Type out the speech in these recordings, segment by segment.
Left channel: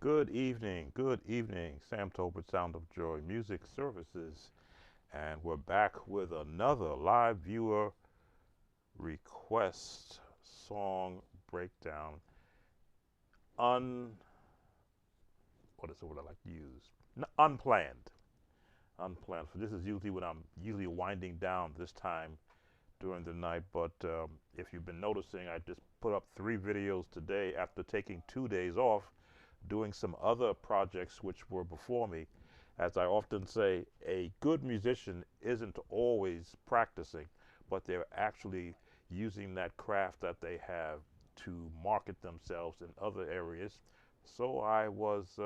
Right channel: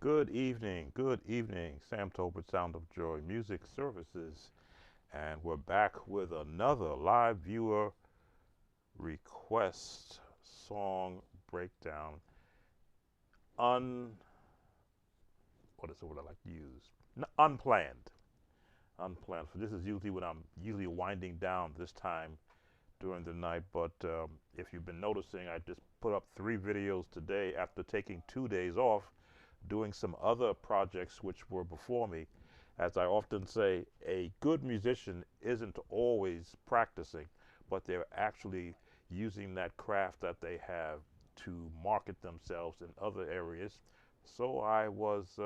Good evening, good evening. Sam Tolbert, Sound of Joy Music Services, and we're back with another live viewer request song breakdown. Un, what is the word I like to use? Unplanned, unplanned. So this is usually when I'm usually winding down this time during the night. But if you've been noticing, I just put up 3 videos today after taking 2 days off, doing some other projects which were before me. As I often say, a good musician isn't always practicing, but they're actually using that craft that they have to market themselves in other areas. So I was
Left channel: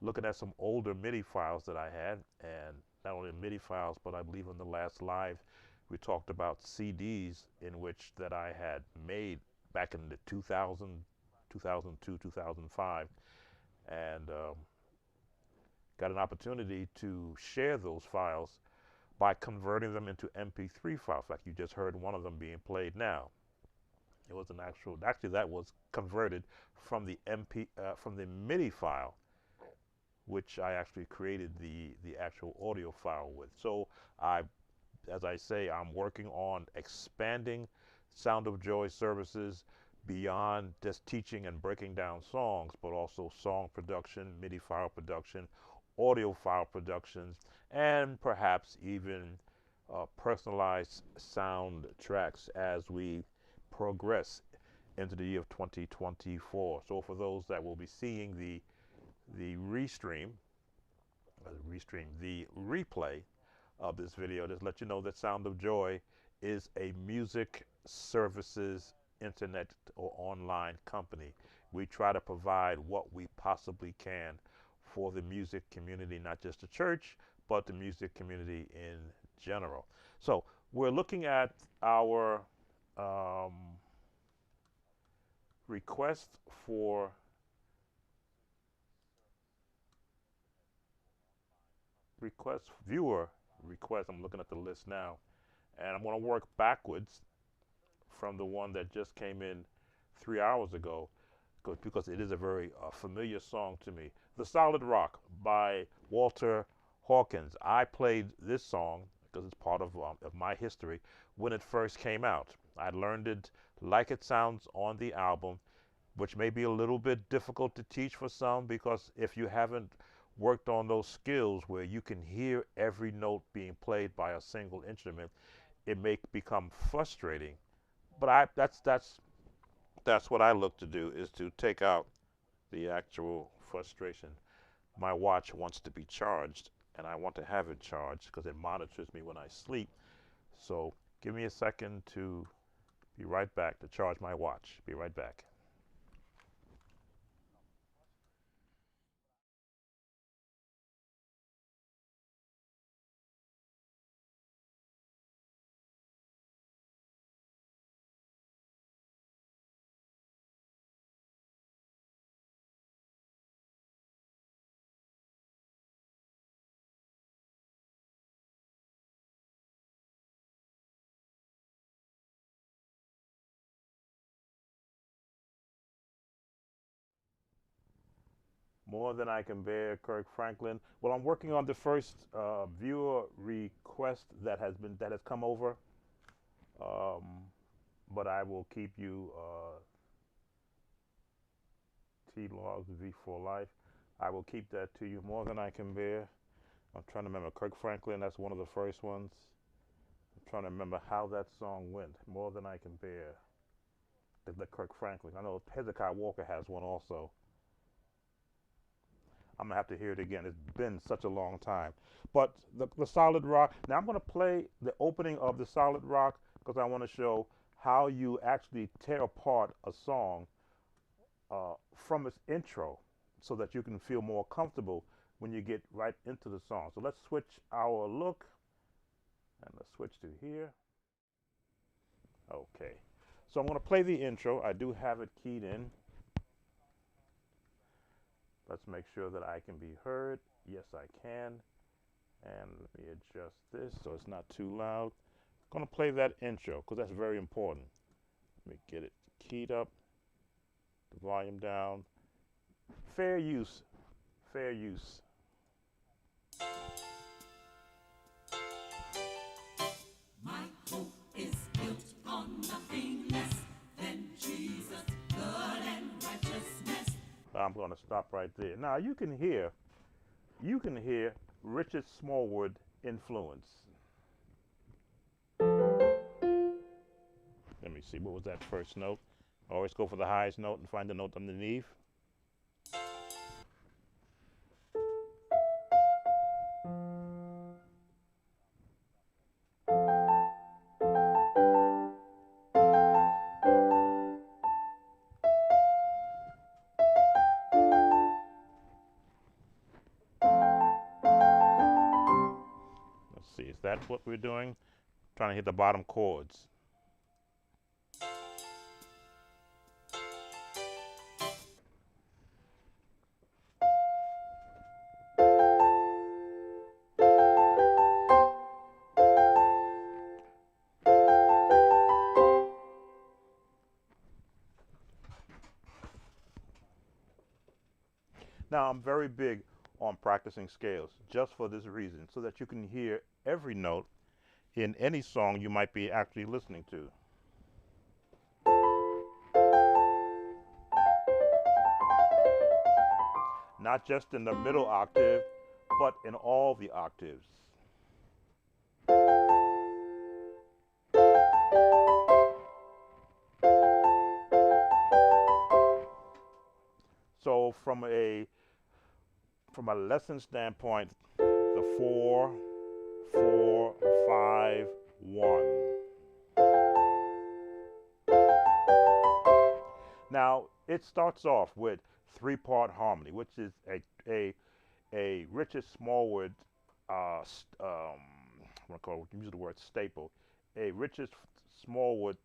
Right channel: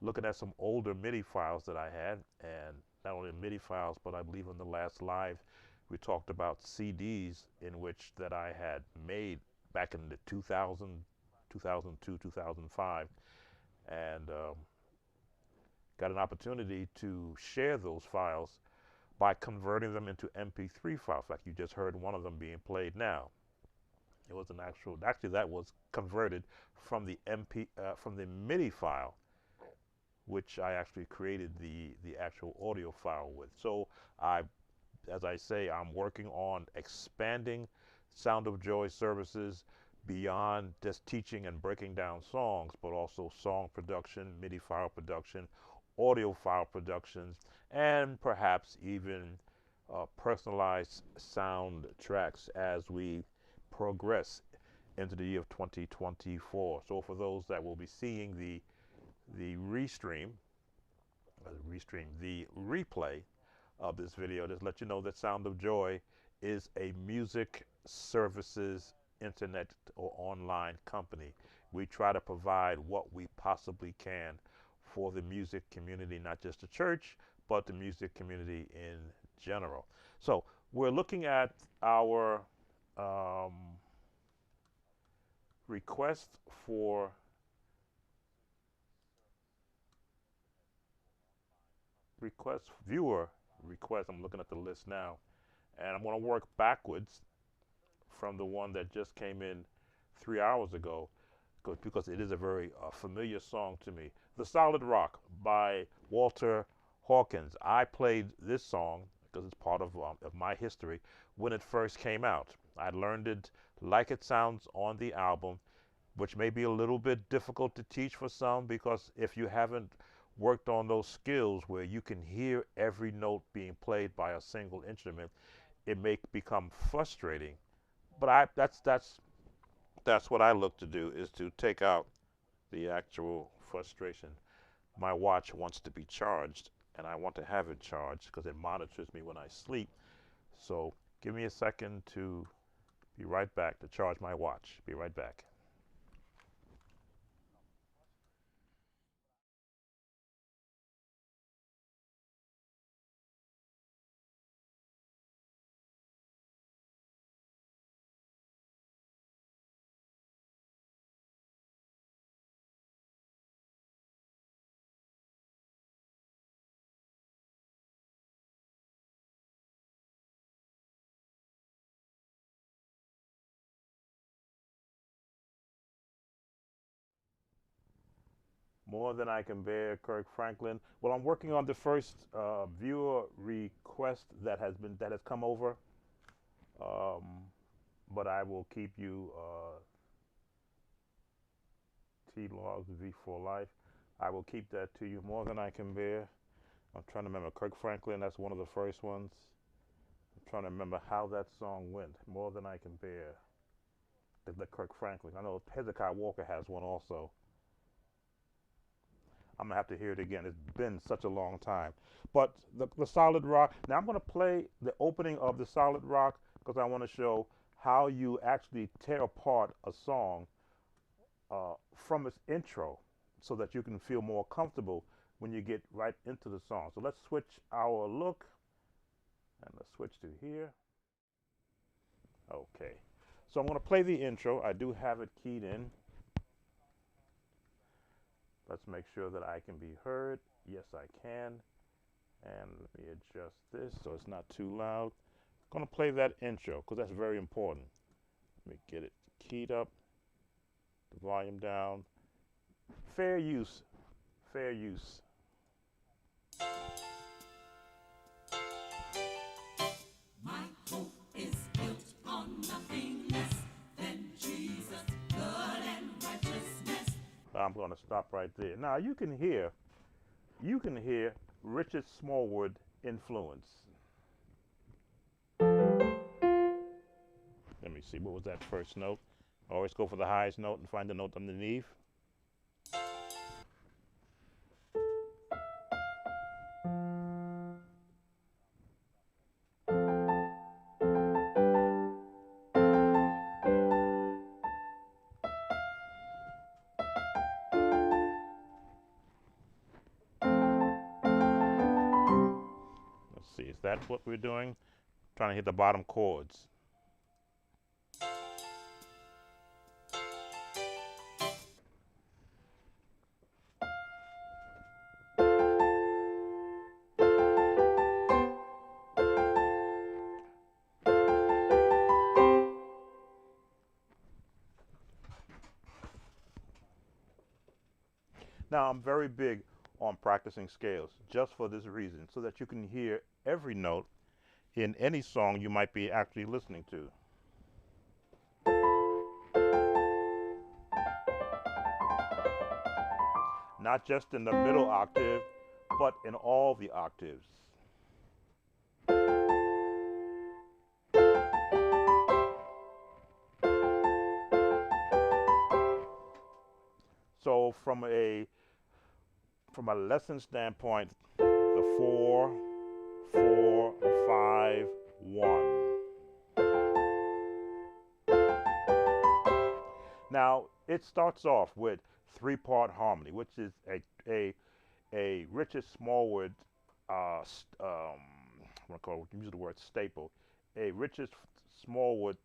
looking at some older MIDI files that I had, and not only MIDI files, but I believe in the last live we talked about CDs in which that I had made back in the 2000, 2002, 2005, and got an opportunity to share those files by converting them into MP3 files, like you just heard one of them being played now. It was an actually that was converted from the from the MIDI file, which I actually created the actual audio file with. So I, as I say, I'm working on expanding Sound of Joy services beyond just teaching and breaking down songs, but also song production, MIDI file production, audio file productions, and perhaps even personalized soundtracks as we progress into the year of 2024. So for those that will be seeing the the replay of this video, just let you know that Sound of Joy is a music services internet or online company. We try to provide what we possibly can for the music community, not just the church, but the music community in general. So we're looking at our um, request for viewer request. I'm looking at the list now, and I'm going to work backwards from the one that just came in 3 hours ago, because it is a very familiar song to me. The Solid Rock by Walter Hawkins. I played this song because it's part of my history when it first came out. I learned it like it sounds on the album, which may be a little bit difficult to teach for some, because if you haven't worked on those skills where you can hear every note being played by a single instrument, it may become frustrating. But that's what I look to do, is to take out the actual frustration. My watch wants to be charged, and I want to have it charged because it monitors me when I sleep. So give me a second to be right back to charge my watch. Be right back. More Than I Can Bear, Kirk Franklin. Well, I'm working on the first viewer request that has come over, um, but I will keep you T Logs V for Life. I will keep that to you. More Than I Can Bear. I'm trying to remember Kirk Franklin. That's one of the first ones. I'm trying to remember how that song went. More Than I Can Bear. The Kirk Franklin. I know Hezekiah Walker has one also. I'm gonna have to hear it again. It's been such a long time. But the Solid Rock. Now I'm gonna play the opening of the Solid Rock because I want to show how you actually tear apart a song from its intro, so that you can feel more comfortable when you get right into the song. So let's switch our look, and let's switch to here. Okay. So I'm gonna play the intro. I do have it keyed in. Let's make sure that I can be heard. Yes, I can. And let me adjust this so it's not too loud. I'm going to play that intro because that's very important. Let me get it keyed up, the volume down, fair use, fair use. My hope is built on nothing less than Jesus' blood and righteousness. I'm going to stop right there. Now you can hear Richard Smallwood influence. Let me see, what was that first note? Always go for the highest note and find the note underneath. Let's see, is that what we're doing? Trying to hit the bottom chords. Now, I'm very big on practicing scales just for this reason, so that you can hear every note in any song you might be actually listening to. Not just in the middle octave, but in all the octaves. So from a lesson standpoint, the 4, 4, 5, 1. Now it starts off with 3-part harmony, which is a Richard Smallwood, what I call use the word staple, a Richard Smallwood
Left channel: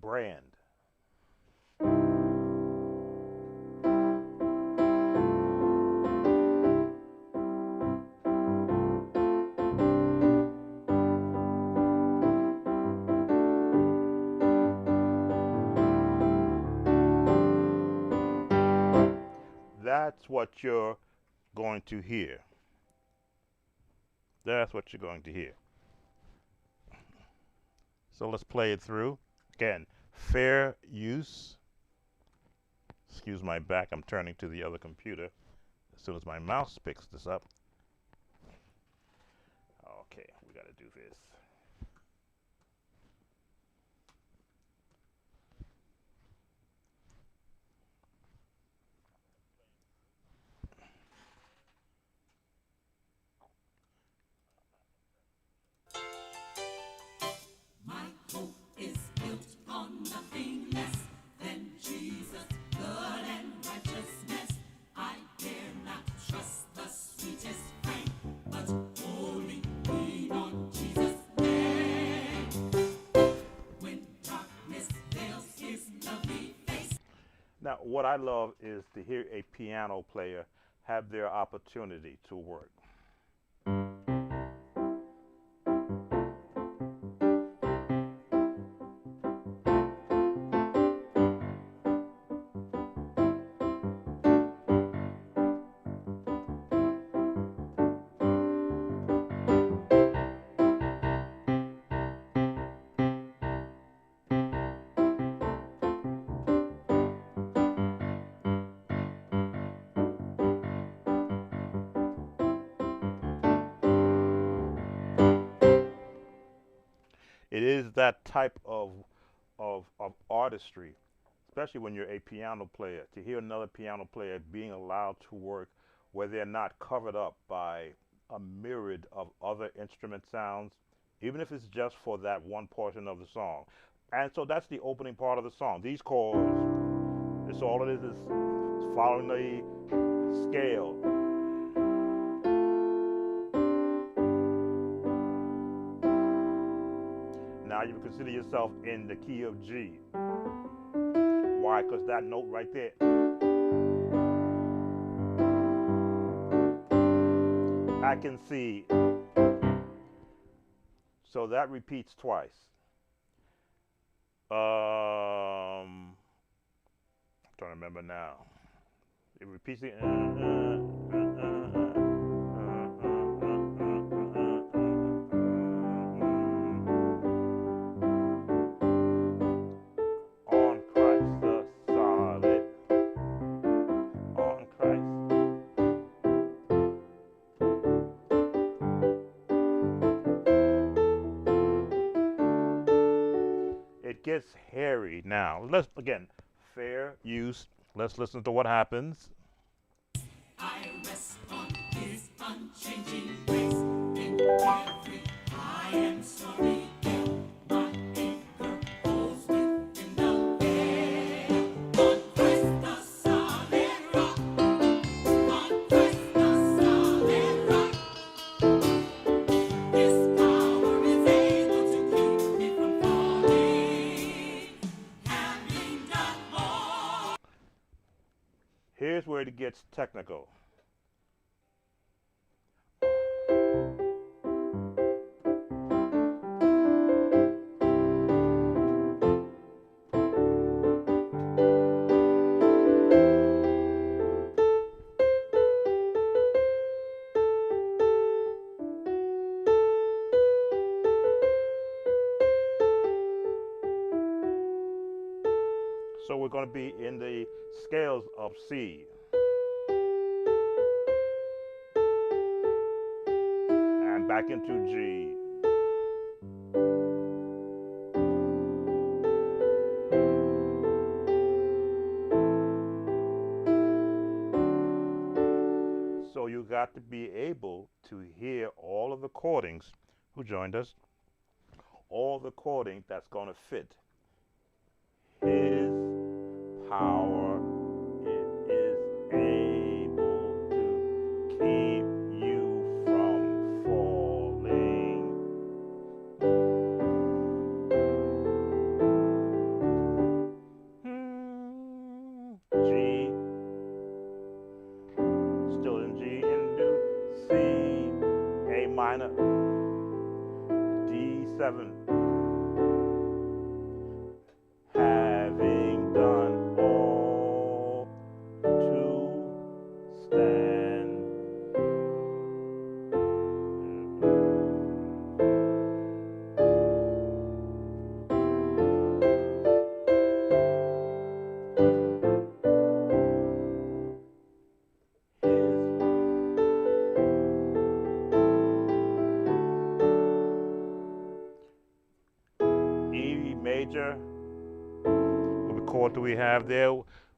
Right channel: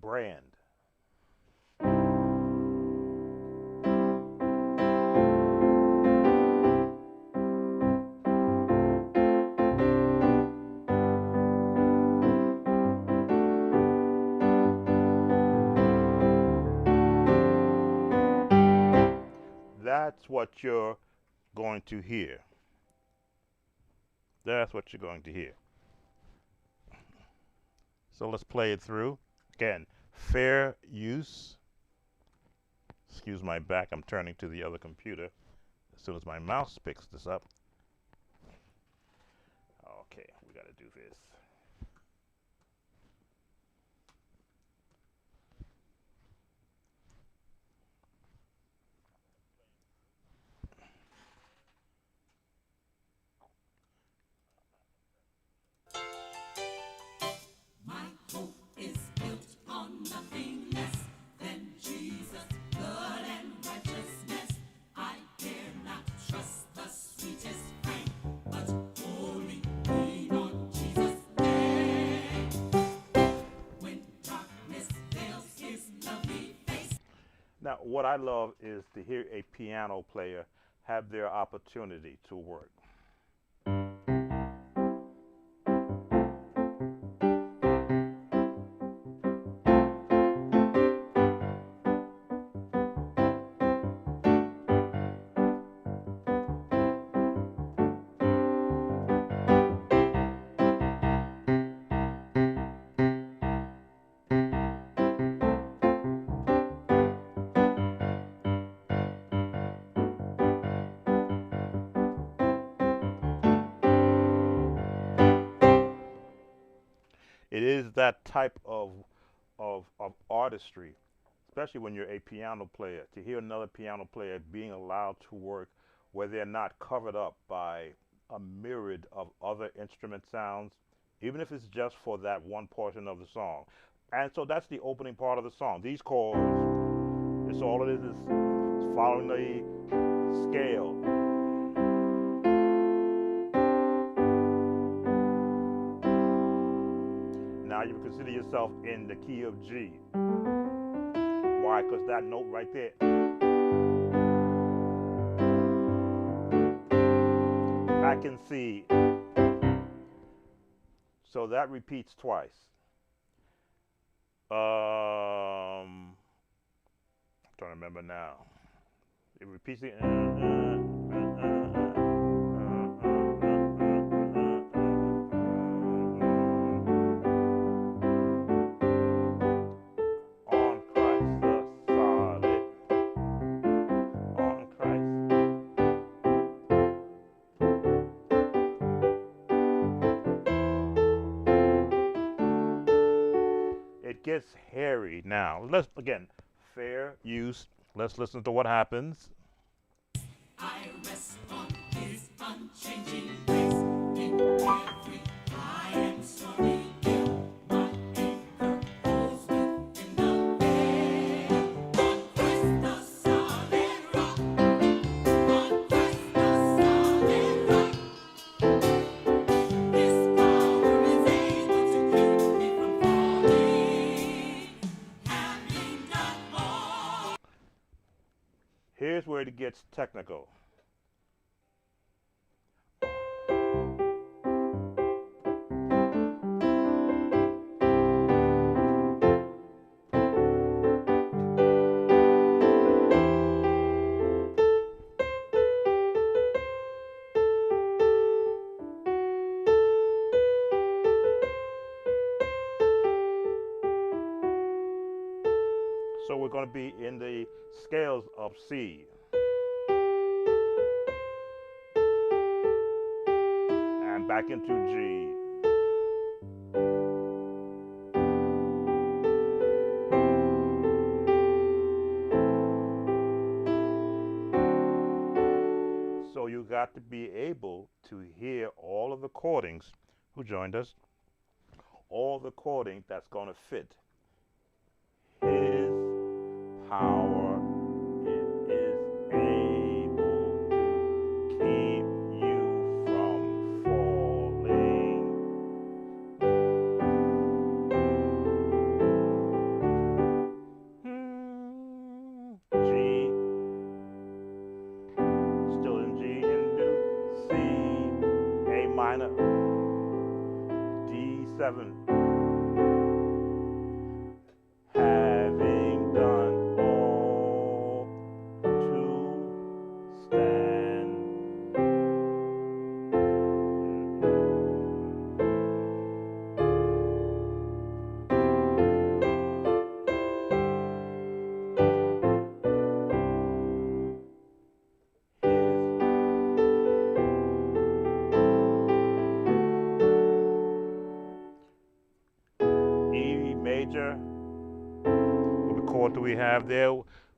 brand. That's what you're going to hear. That's what you're going to hear. So let's play it through. Again, fair use. Excuse my back, I'm turning to the other computer as soon as my mouse picks this up. Okay, we got to do this. My hope is built on nothing less than Jesus' blood and righteousness. I dare not trust the sweetest frame, but wholly lean on Jesus' name. When darkness veils his lovely face. Now, what I love is to hear a piano player have their opportunity to work. It is that type of artistry, especially when you're a piano player, to hear another piano player being allowed to work where they're not covered up by a myriad of other instrument sounds, even if it's just for that one portion of the song. And so that's the opening part of the song. These chords, it's all it is following the scale. Now you consider yourself in the key of G. Why? Because that note right there. I can see. So that repeats twice. I'm trying to remember now. It repeats it. On Christ the solid. On Christ. It gets hairy now. Let's again, fair use. Let's listen to what happens. I rest on his unchanging grace in every high and stormy gale. My anchor holds within the veil. On Christ the solid rock. On Christ the solid rock. His power is able to keep me from falling. Having done all. Here's where it gets technical. So we're going to be in the scales of C. And back into G. So you got to be able to hear all of the chordings. Who joined us? All the chording that's going to fit. His power is able to keep you from falling. G, still in G, into C, A minor, D7. Having done all to stand. E major. What chord do we have there?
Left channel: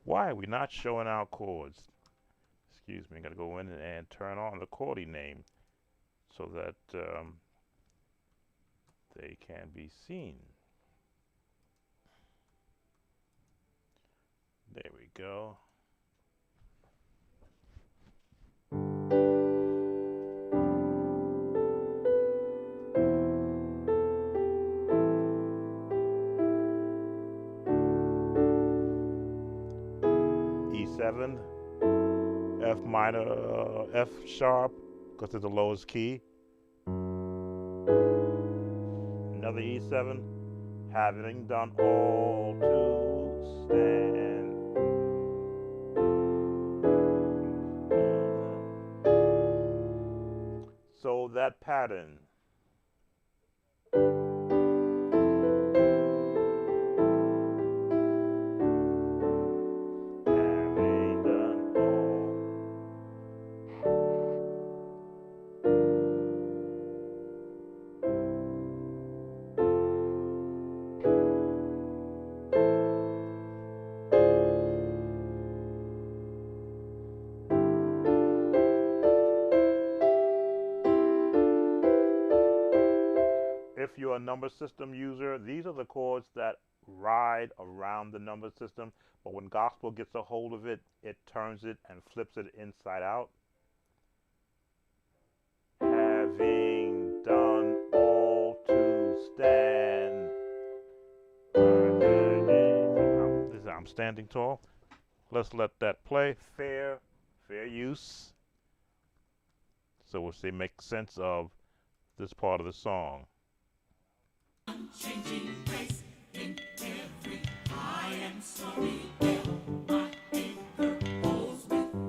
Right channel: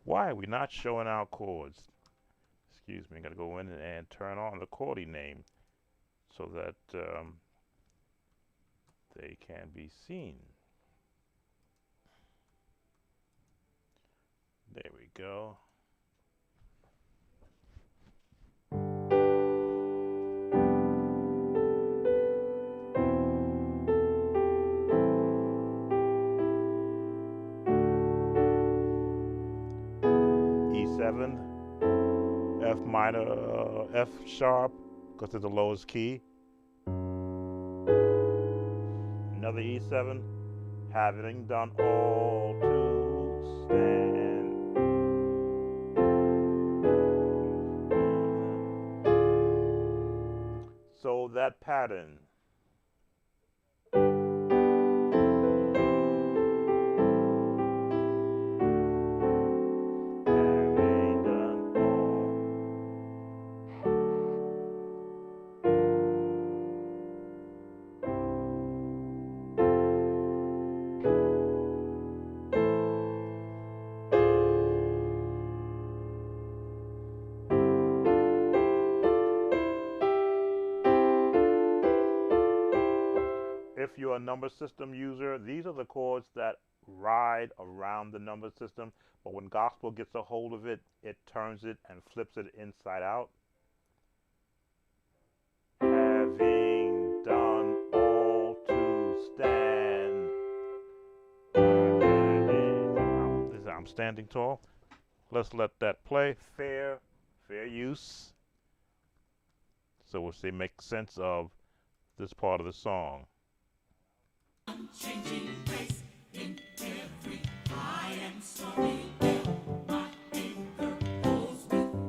Why are we not showing our chords? Excuse me, I gotta go in and turn on the chording name so that they can be seen. There we go. E7, F minor, F sharp, because it's the lowest key. Another E7, having done all to stand. So that pattern. Having done all. If you're a number system user, these are the chords that ride around the number system, but when gospel gets a hold of it, it turns it and flips it inside out. Having done all to stand. I'm standing tall. Let's let that play. Fair use. So we'll see, make sense of this part of the song. Unchanging grace in every high and stormy gale. My anchor holds within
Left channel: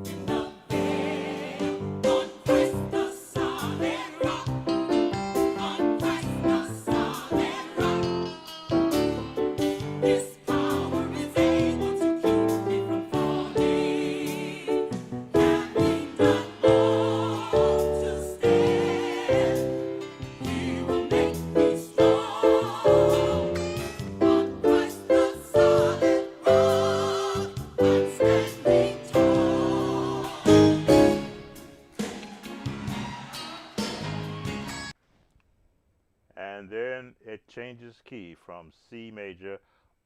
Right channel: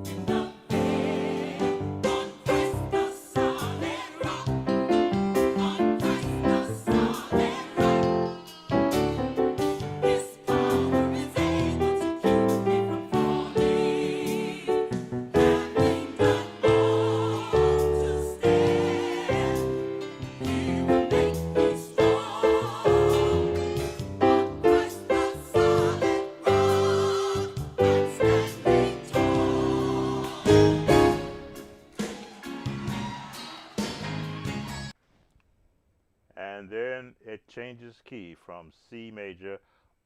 changes key from C major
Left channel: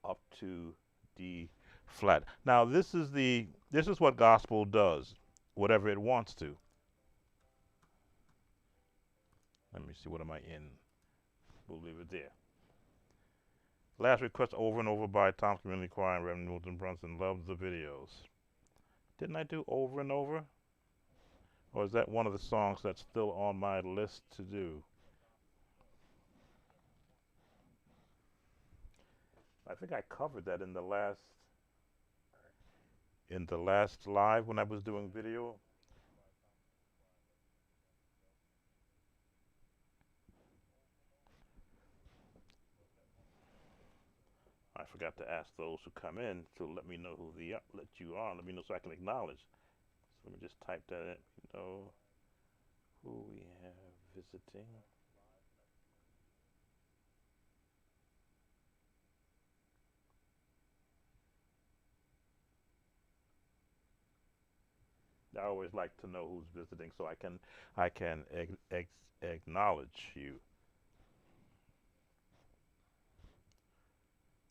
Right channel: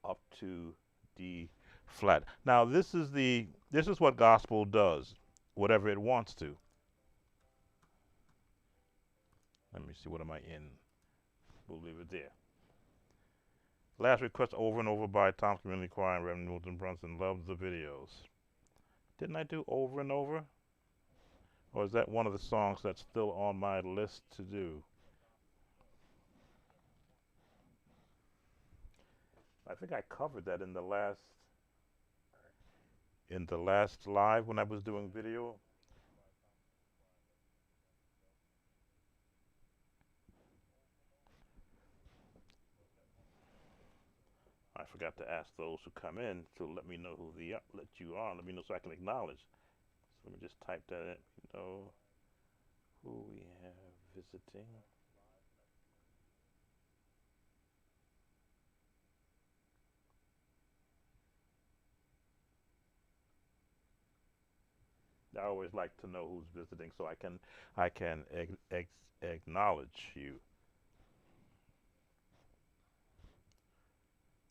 up to D flat. Now this is what gospel does, whatever it wants to. Let me see, what am I in? We'll leave it there. Last request over and over by Tom's Community Choir and Reverend Milton Brunson. Loves the videos. Didn't I do over and over? Or is that one of the songs that's still on my list to do? I think I covered that in the last live when I was doing video. I forgot to ask those who come in to let me know who let you are. Let me know so I can acknowledge. So let me just type that in. You know who we have visiting. I always like to know who's visiting so I can acknowledge you.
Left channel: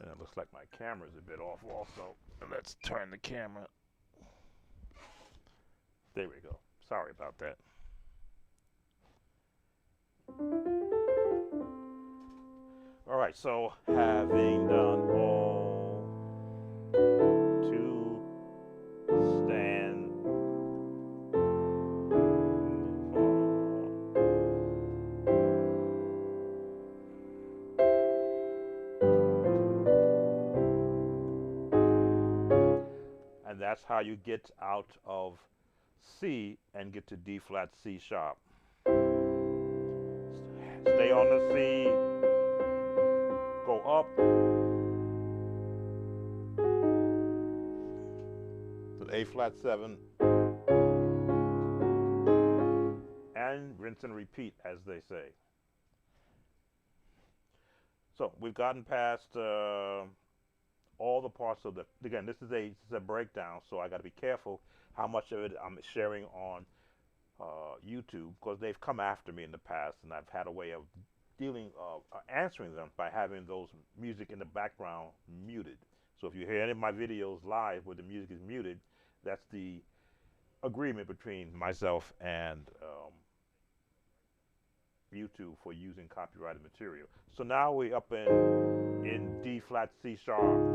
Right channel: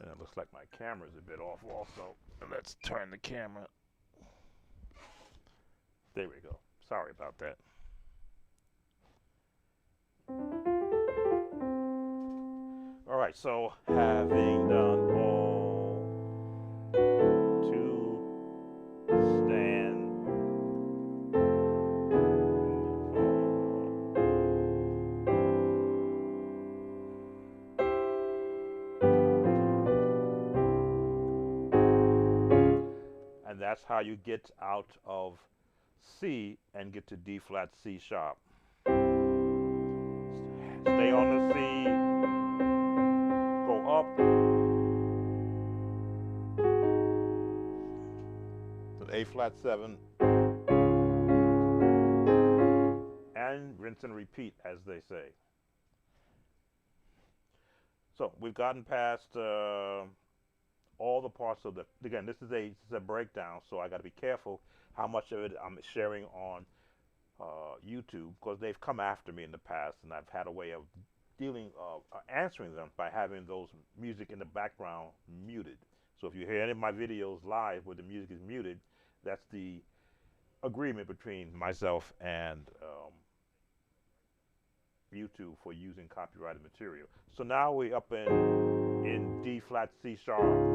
And it looks like my camera's a bit off also. Let's turn the camera. There we go. Sorry about that. All right, so having done all to stand. And that's how you get out of C and get to D flat C sharp. Stay on the C, go up to the A flat 7, and rinse and repeat, as they say. So we've gotten past all the parts of the, again, this is a breakdown, so I got to be careful how much of it I'm sharing on YouTube, because they've come after me in the past, and I've had a way of answering them by having those music in the background muted. So if you hear any of my videos live where the music is muted, that's the agreement between myself and YouTube for using copyrighted material. So now we're up in D flat C sharp.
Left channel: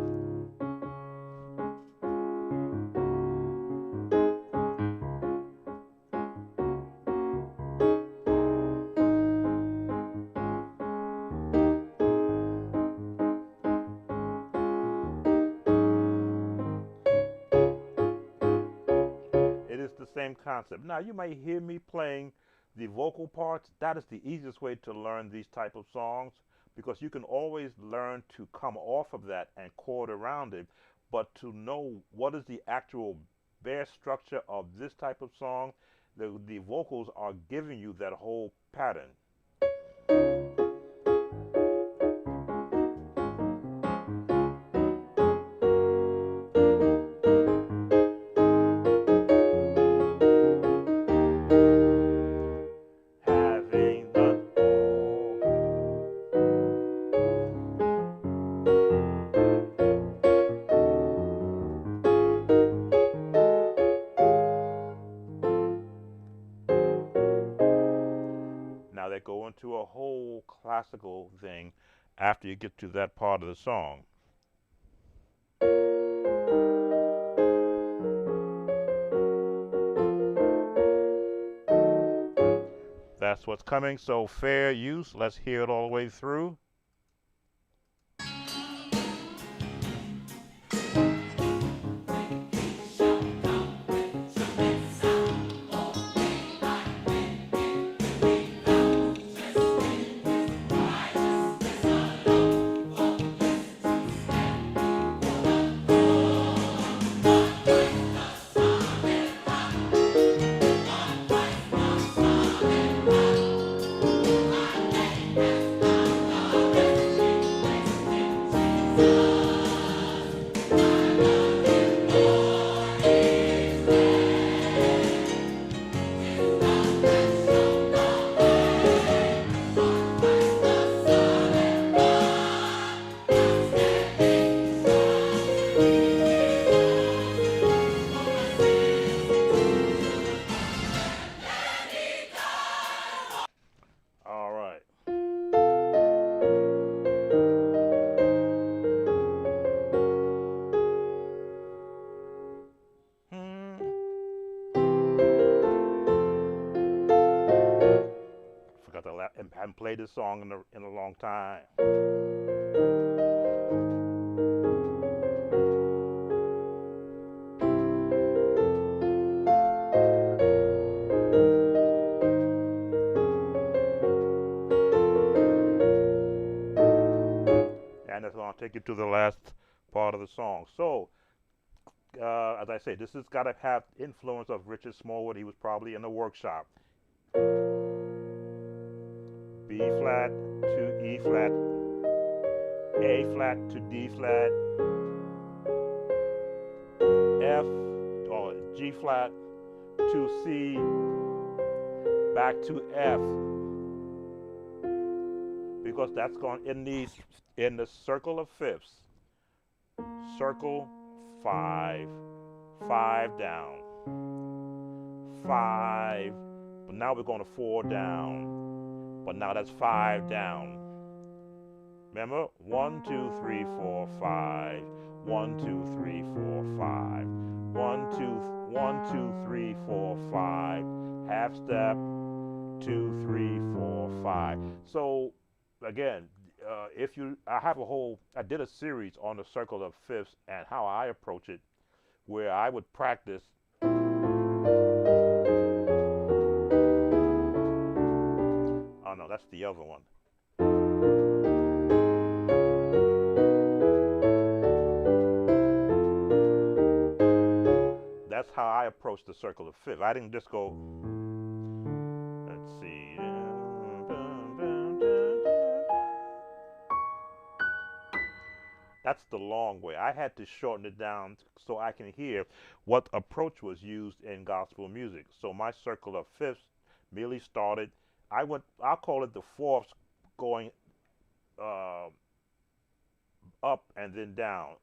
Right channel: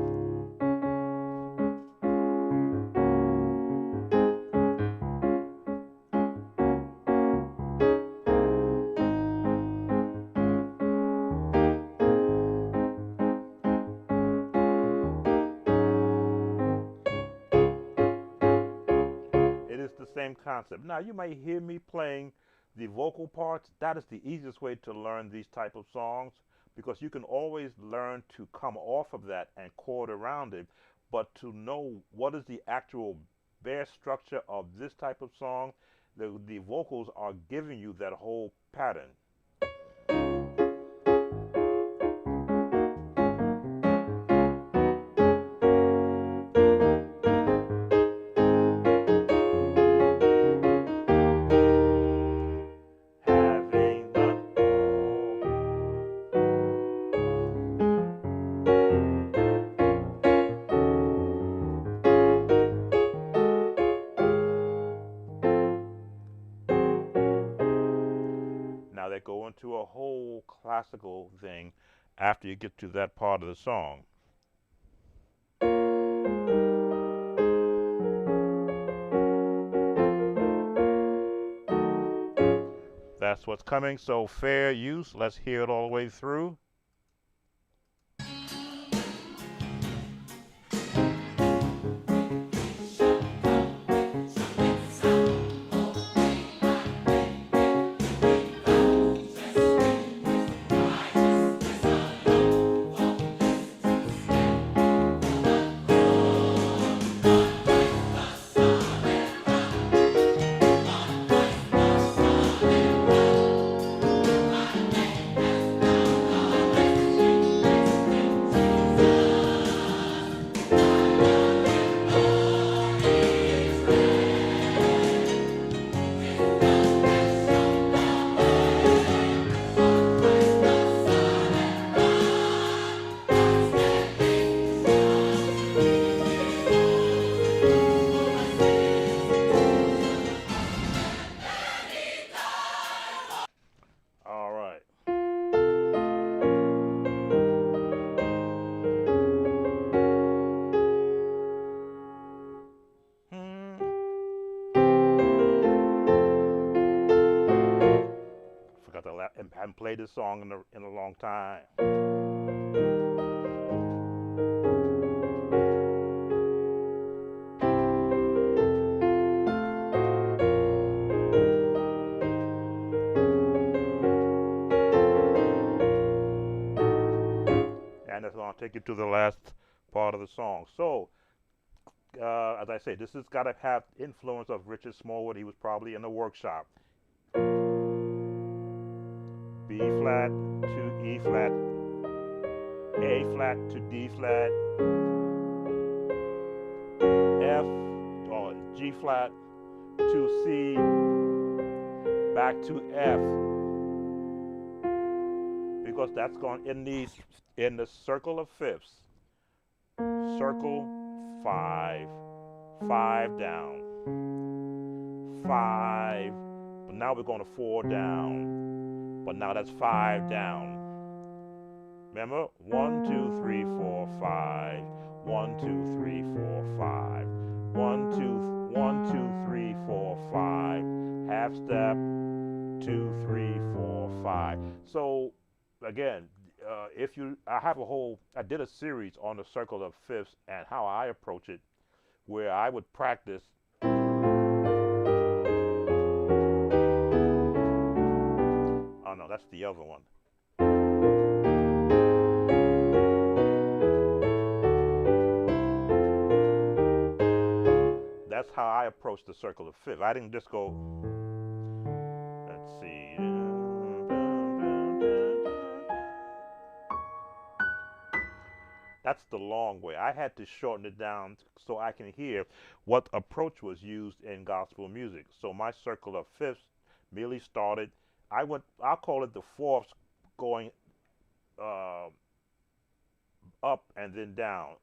It is the same concept. Now you might hear me playing the vocal parts. That is the easiest way to learn these type of songs, because you can always learn to come off of that and chord around it, but to know what is the actual bare structure of this type of song, the vocals are giving you that whole pattern. Now they go into a whole classical thing after you get to that part of the song. That's what's coming, so fair use. Let's hear it all the way through. haven't played this song in a long time. And it's going to take you to the last part of the song. So, as I say, this has got to have influence of Richard Smallwood. He was probably in the workshop. B flat to E flat, A flat to D flat, F or G flat to C, back to F, because that's going in the circle of fifths. Circle 5, 5 down, 5, but now we're going to 4 down. But now that's 5 down. Remember? 1, 2, 3, 4, 5. 1, 2, 3, 4, 5. 1, 2, 3, 4, 5. Half step. 2, 3, 4, 5. So again, I did a series on the circle of fifths and how I approach it, where I would practice. Oh no, that's the other one. That's how I approach the circle of fifths. I didn't just go, let's see. That's the long way. I had to shorten it down so I can hear what approach was used in gospel music. So my circle of fifths merely started. I'll call it the fourths going up and then down.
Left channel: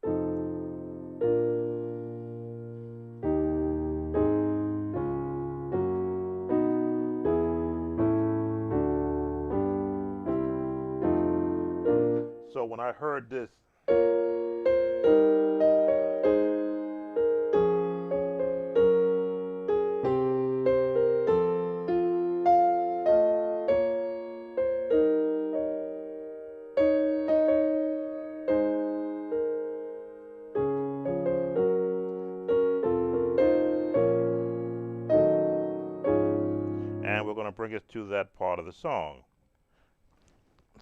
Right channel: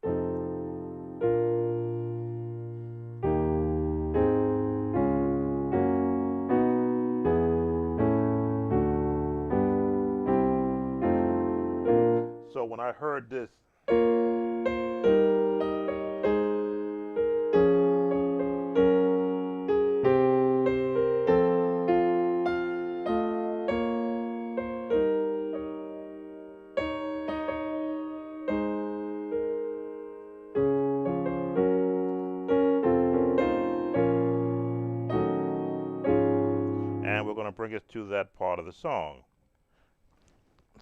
So when I heard this, and we're going to bring us to that part of the song.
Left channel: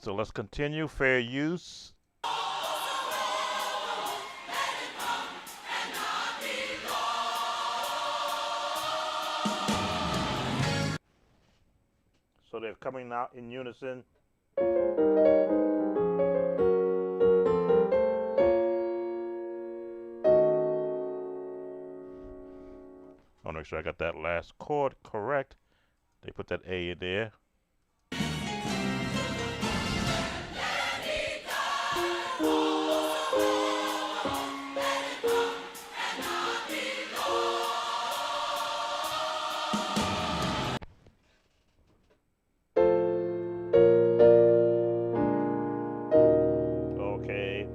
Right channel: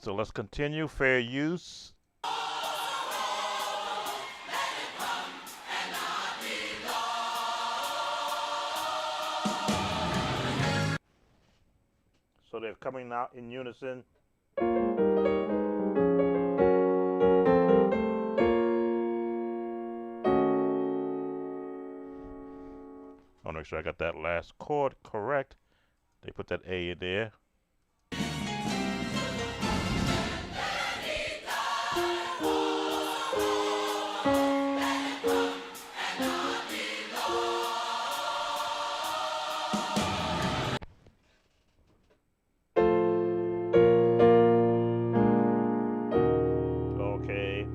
So let's continue. Fair use. So they're coming out in unison. I want to make sure I got that last chord correct. They put that A in there. Okay.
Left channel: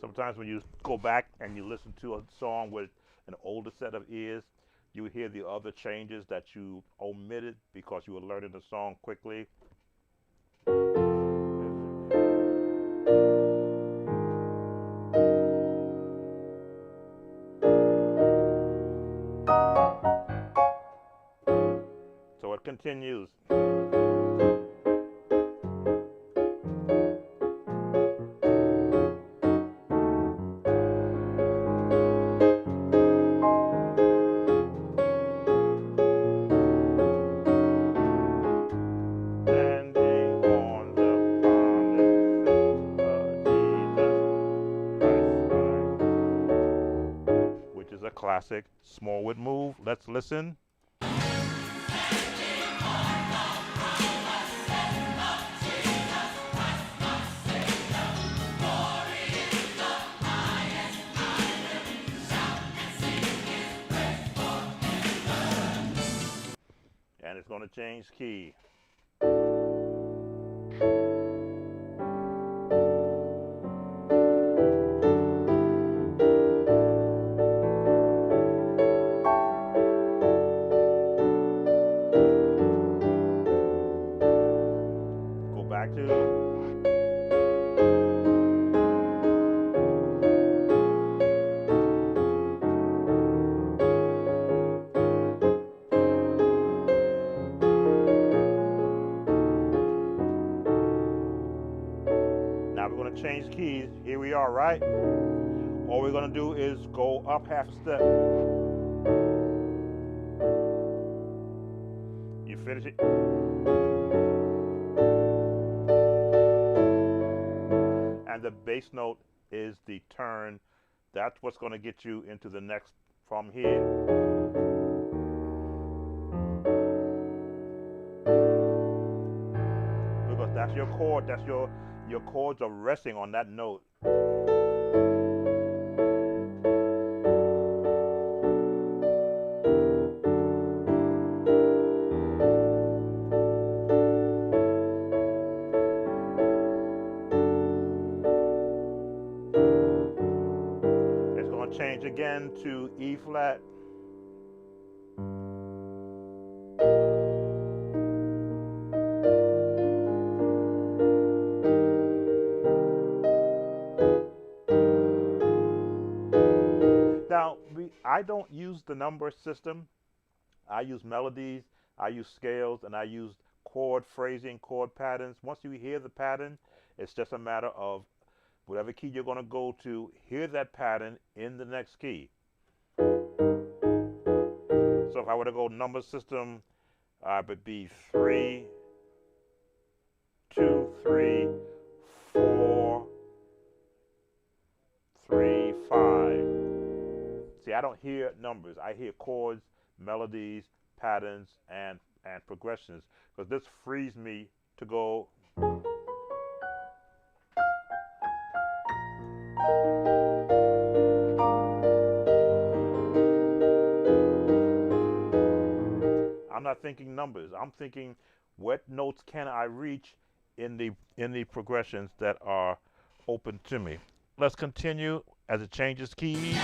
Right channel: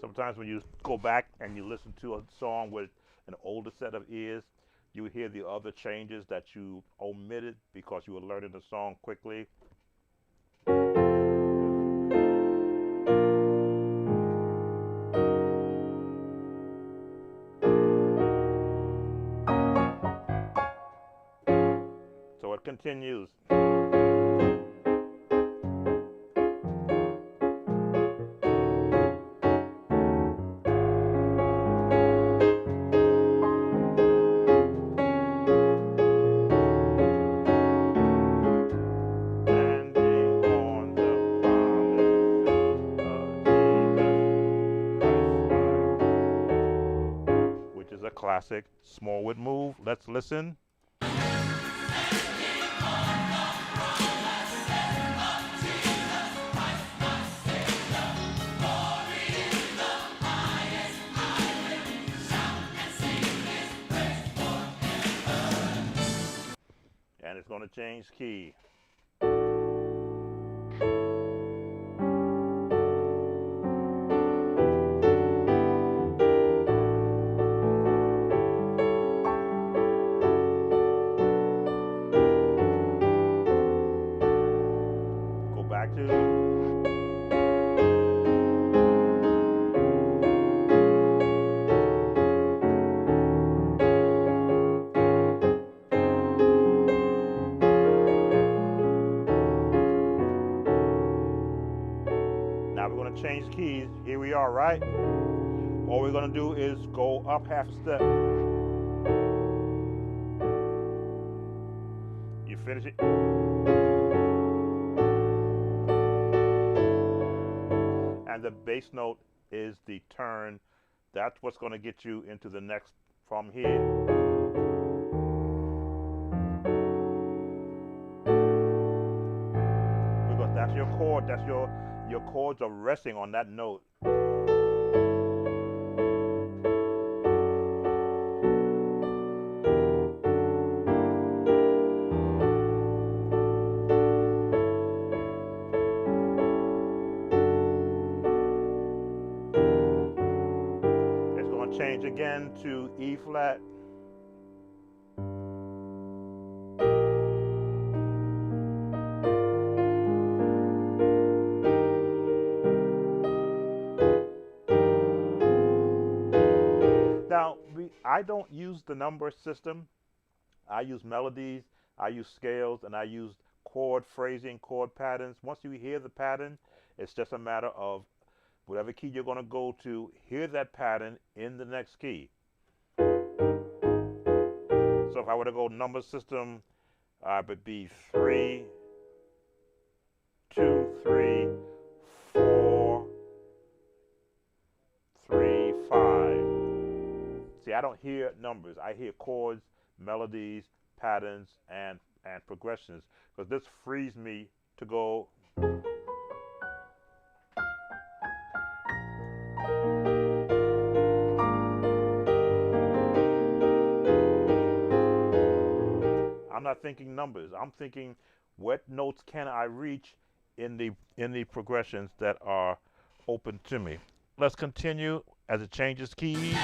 Sometimes when you go back and you listen to a song with an older set of ears, you hear the other changes that you omitted because you were learning the song quickly. So it continues. A classic Smallwood move. Let's listen. And it's going to change key. Go back to now we're going to change keys. Here we are, right? All we're going to do is go up half a step. You finish it. And the bass note is the turn. That's what's going to get you into the next from here. Because that's your chord. That's your chords are resting on that note. It's going to change again to E flat. Now, I don't use the number system. I use melodies, I use scales, and I use chord phrasing, chord patterns. Once you hear the pattern, it's just a matter of whatever key you're going to go to, hear that pattern in the next key. So if I were to go number system, I would be 3, 2, 3, 4, 3, 5. See, I don't hear numbers. I hear chords, melodies, patterns, and progressions, because this frees me to go. I'm not thinking numbers. I'm thinking what notes can I reach in the progressions that are open to me. Let's continue as it changes keys.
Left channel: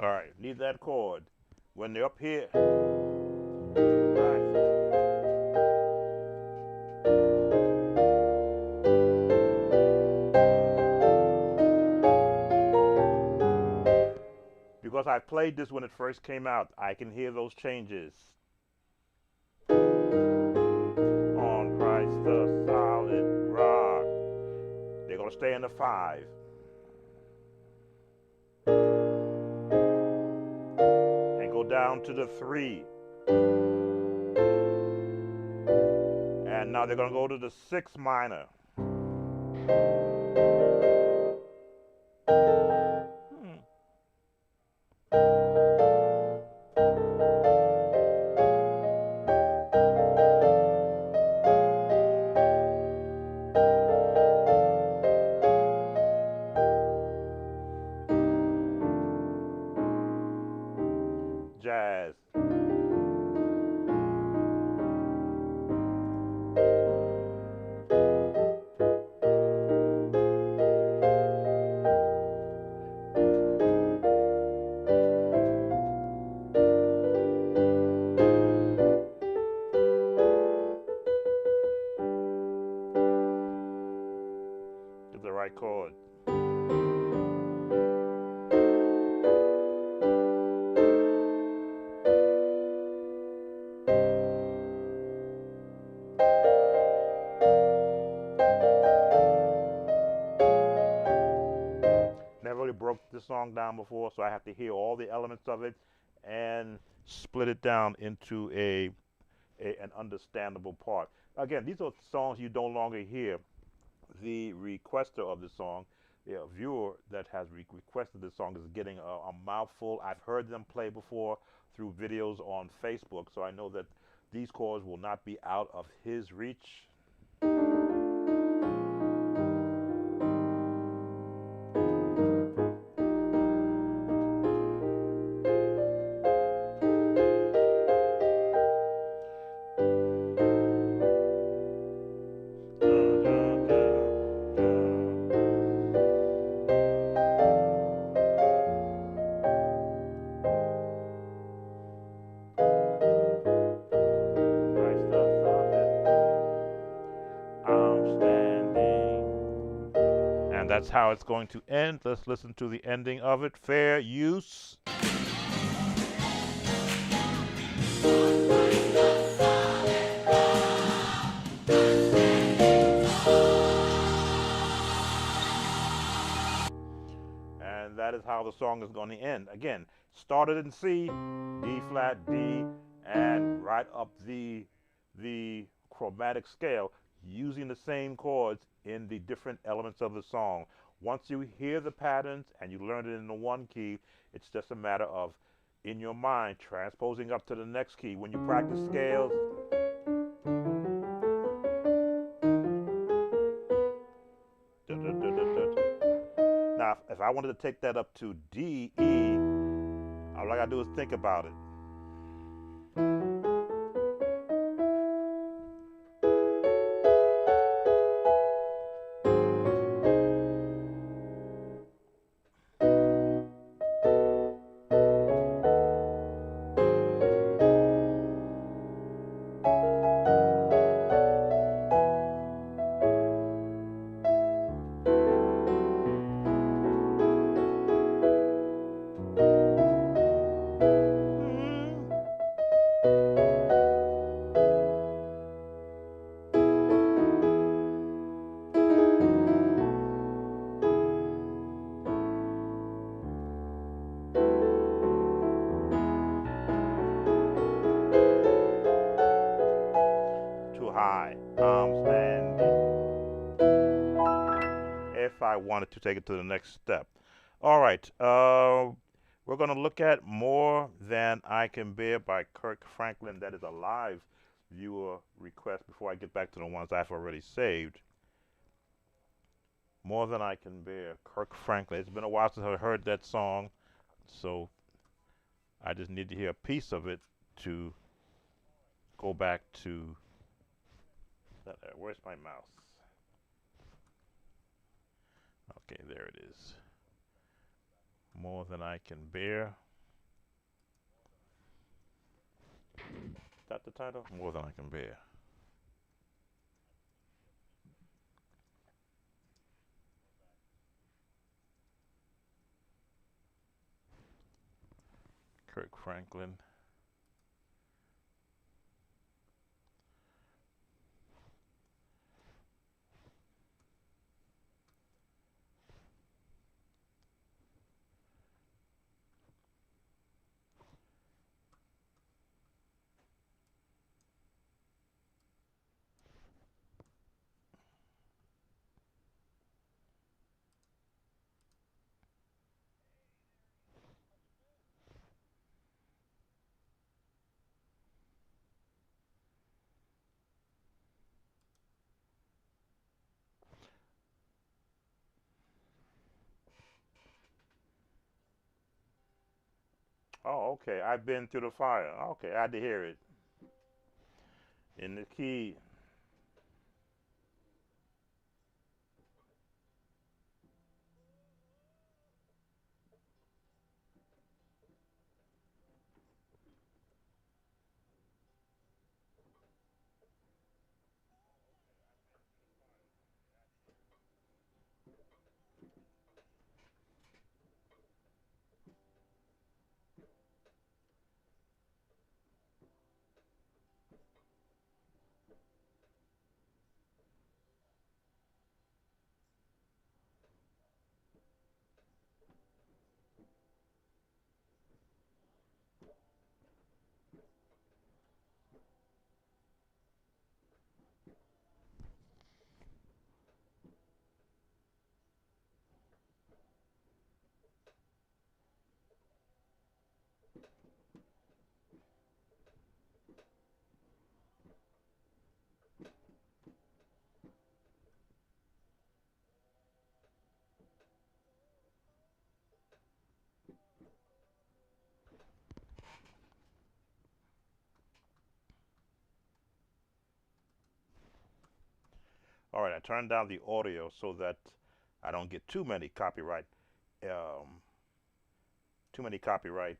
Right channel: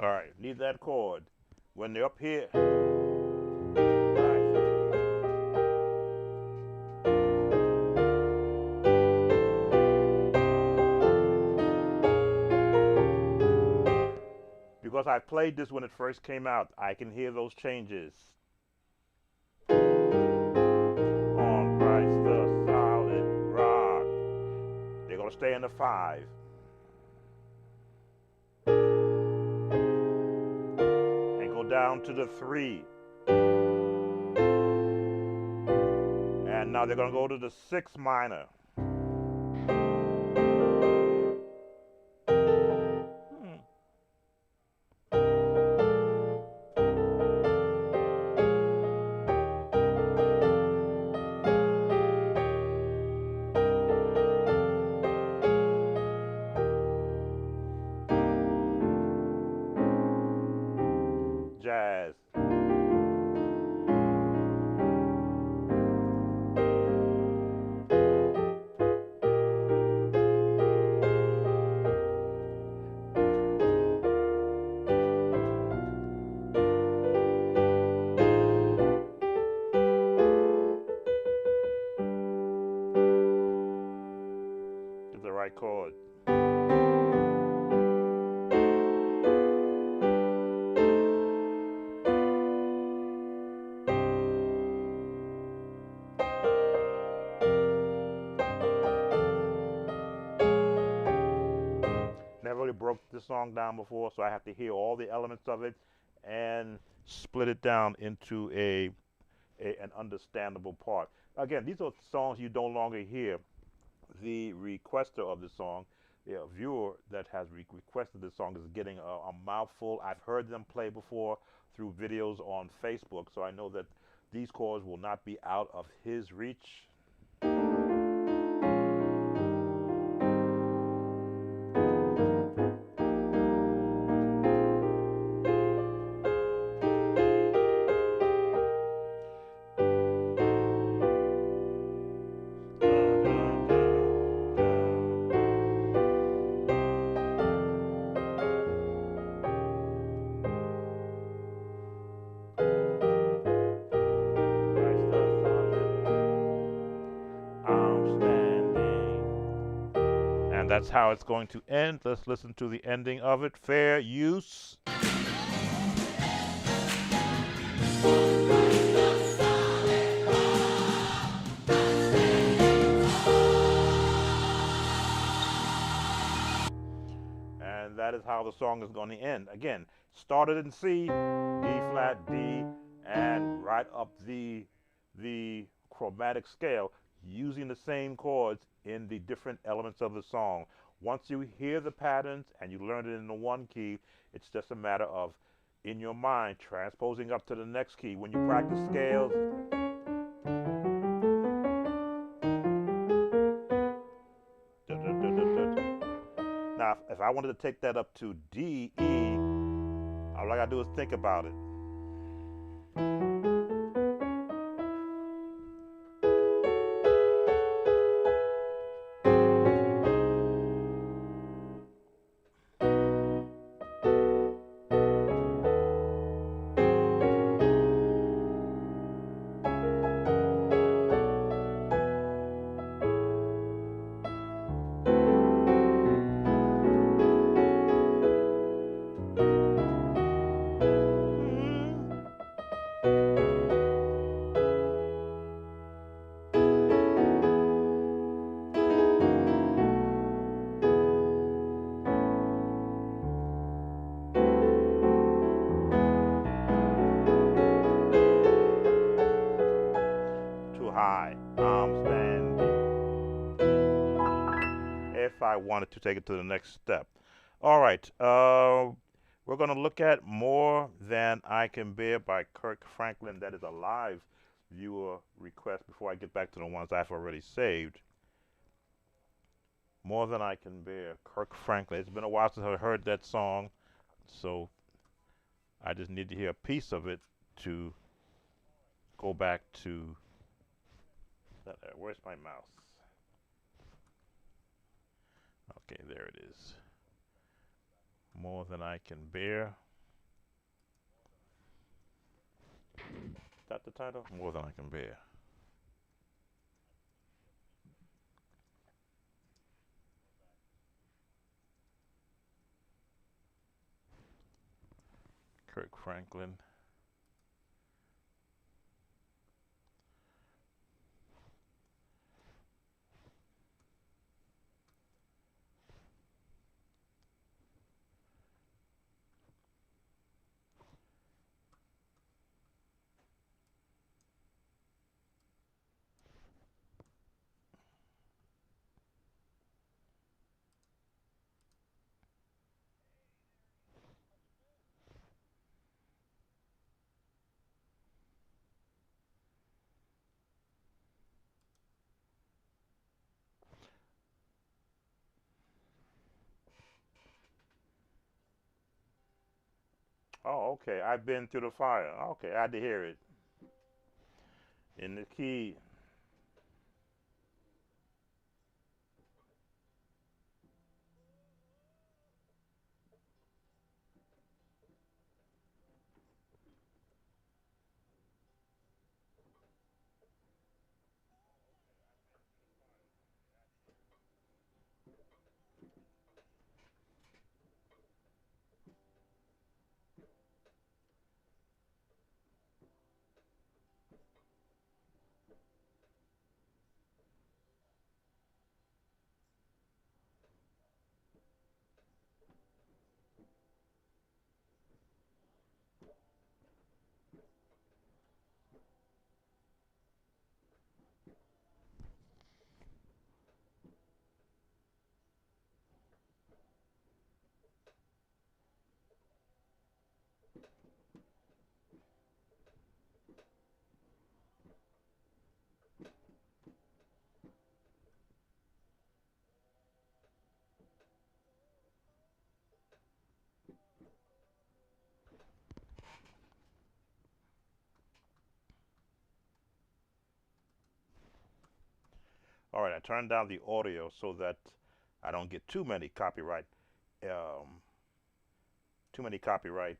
All right, need that chord. When they're up here, right. Because I played this when it first came out, I can hear those changes. On Christ the solid rock. They're going to stay in the 5. Go down to the 3, and now they're going to go to the 6 minor. Jazz. Get the right chord. broke this song down before, so I have to hear all the elements of it and split it down into an understandable part. Again, these are songs you no longer hear the requester of the song, the viewer that has requested the song, is getting a mouthful. I've heard them play before through videos on Facebook, so I know that these chords will not be out of his reach. I'm standing. And that's how it's going to end. Let's listen to the ending of it. Fair use. And that is how the song is going to end. Again, started in C, D flat, D, and right up the chromatic scale, using the same chords in the different elements of the song. Once you hear the patterns and you learn it in the one key, it's just a matter of, in your mind, transposing up to the next key. When you practice scales, now if I wanted to take that up to D, E, all I gotta do is think about it. Too high. I'm standing. If I wanted to take it to the next step. All right. We're going to look at More Than I Can Bear by Kirk Franklin. That is a live viewer request before I get back to the ones I've already saved. More Than I Can Bear, Kirk Franklin. It's been a while since I heard that song, so I just need to hear a piece of it to go back to where's my mouse? Okay, there it is. More Than I Can Bear. Is that the title? More Than I Can Bear. Kirk Franklin. Oh, okay. I've been through the fire. Okay, I had to hear it. In the key. right, I turned down the audio so that I don't get um, too many copyright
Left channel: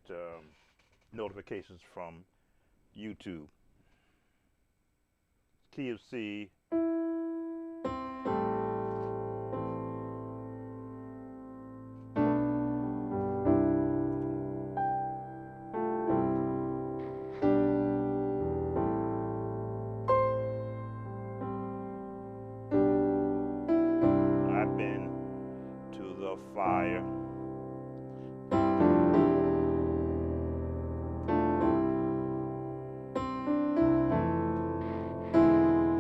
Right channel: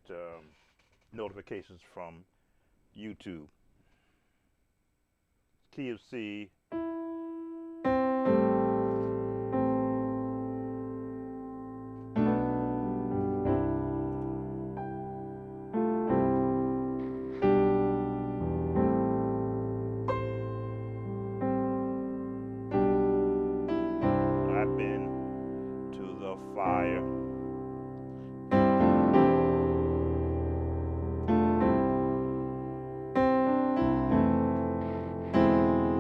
notifications from YouTube. Key of C. I've been to the fire,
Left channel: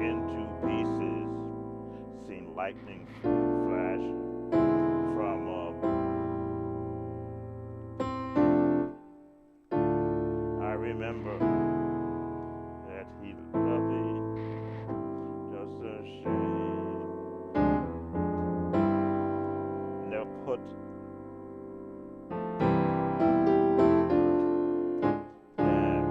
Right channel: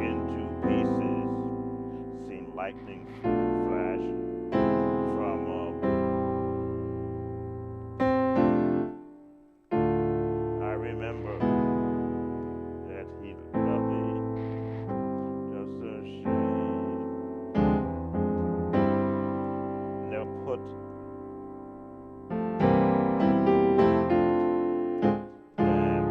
into pieces, seen lightning flash from I remember that he loved me just a shame. Never put that.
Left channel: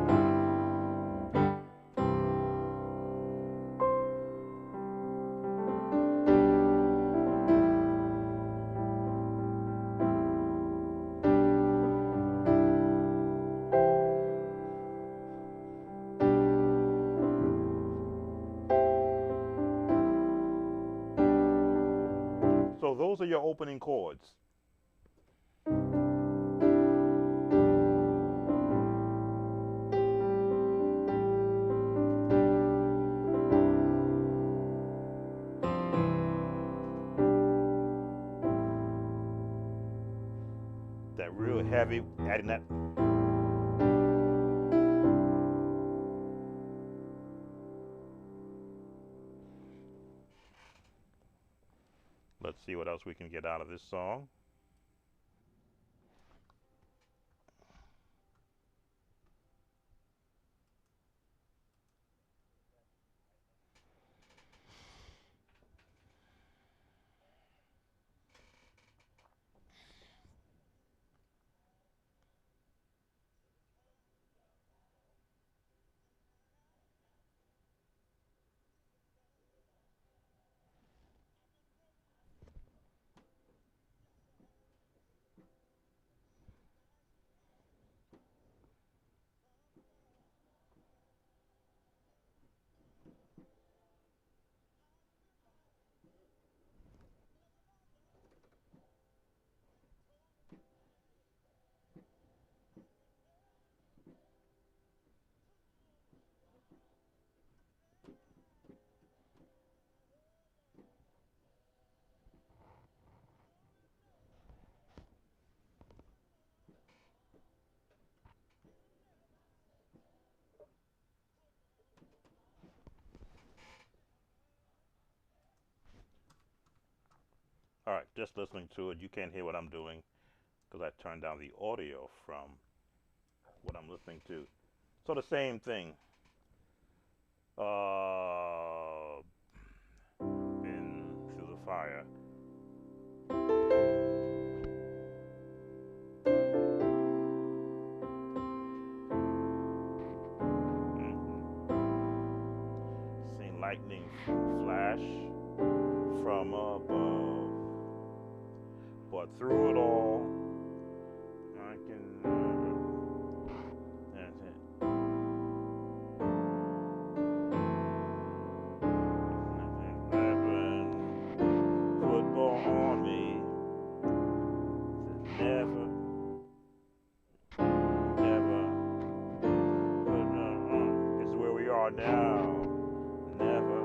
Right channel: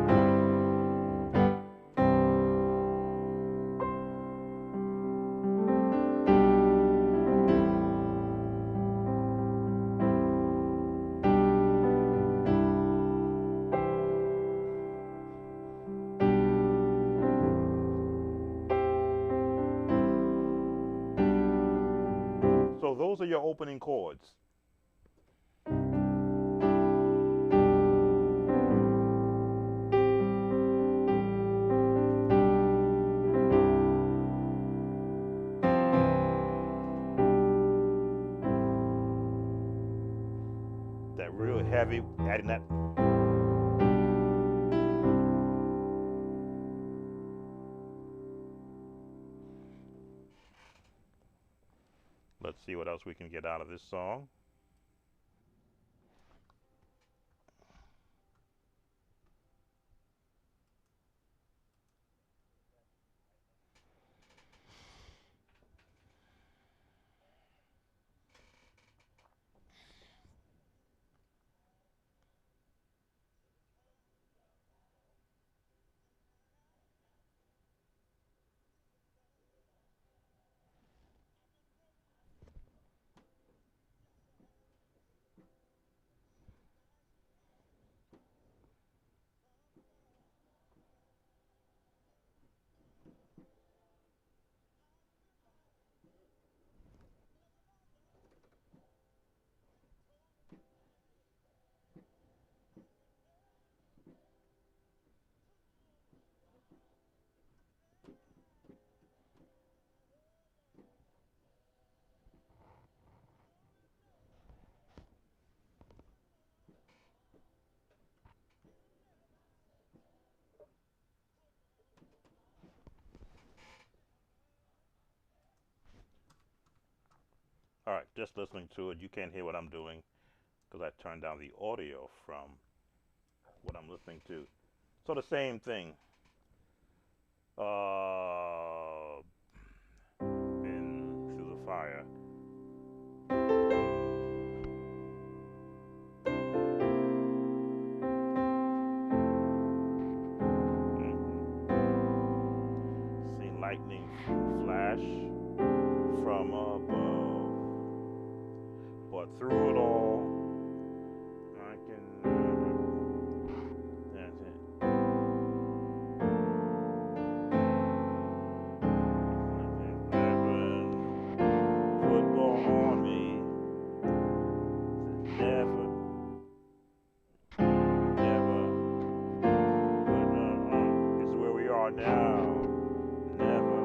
So those are your opening chords. That real heavy, adding that. Let's see what else we can get out of this song. All right, just listening to it, you can't hear what I'm doing because I turned down the audio from what I'm listening to. So the same thing. Uh, been through the fire. Mhm. Seen lightning flash from above, but through it all, I can. That's it. Football on me. Never, never put it on. This is where we are now. Never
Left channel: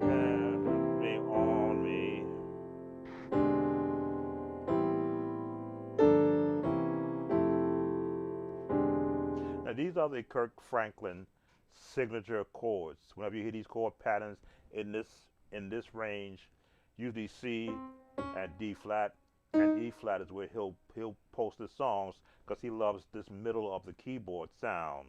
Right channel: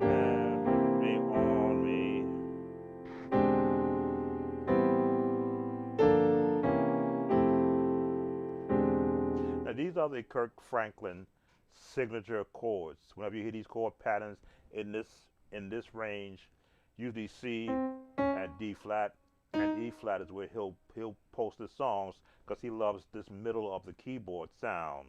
have me on me. Now these are the Kirk Franklin signature chords. Whenever you hear these chord patterns in this range, usually C and D flat and E flat is where he'll post his songs because he loves this middle of the keyboard sound.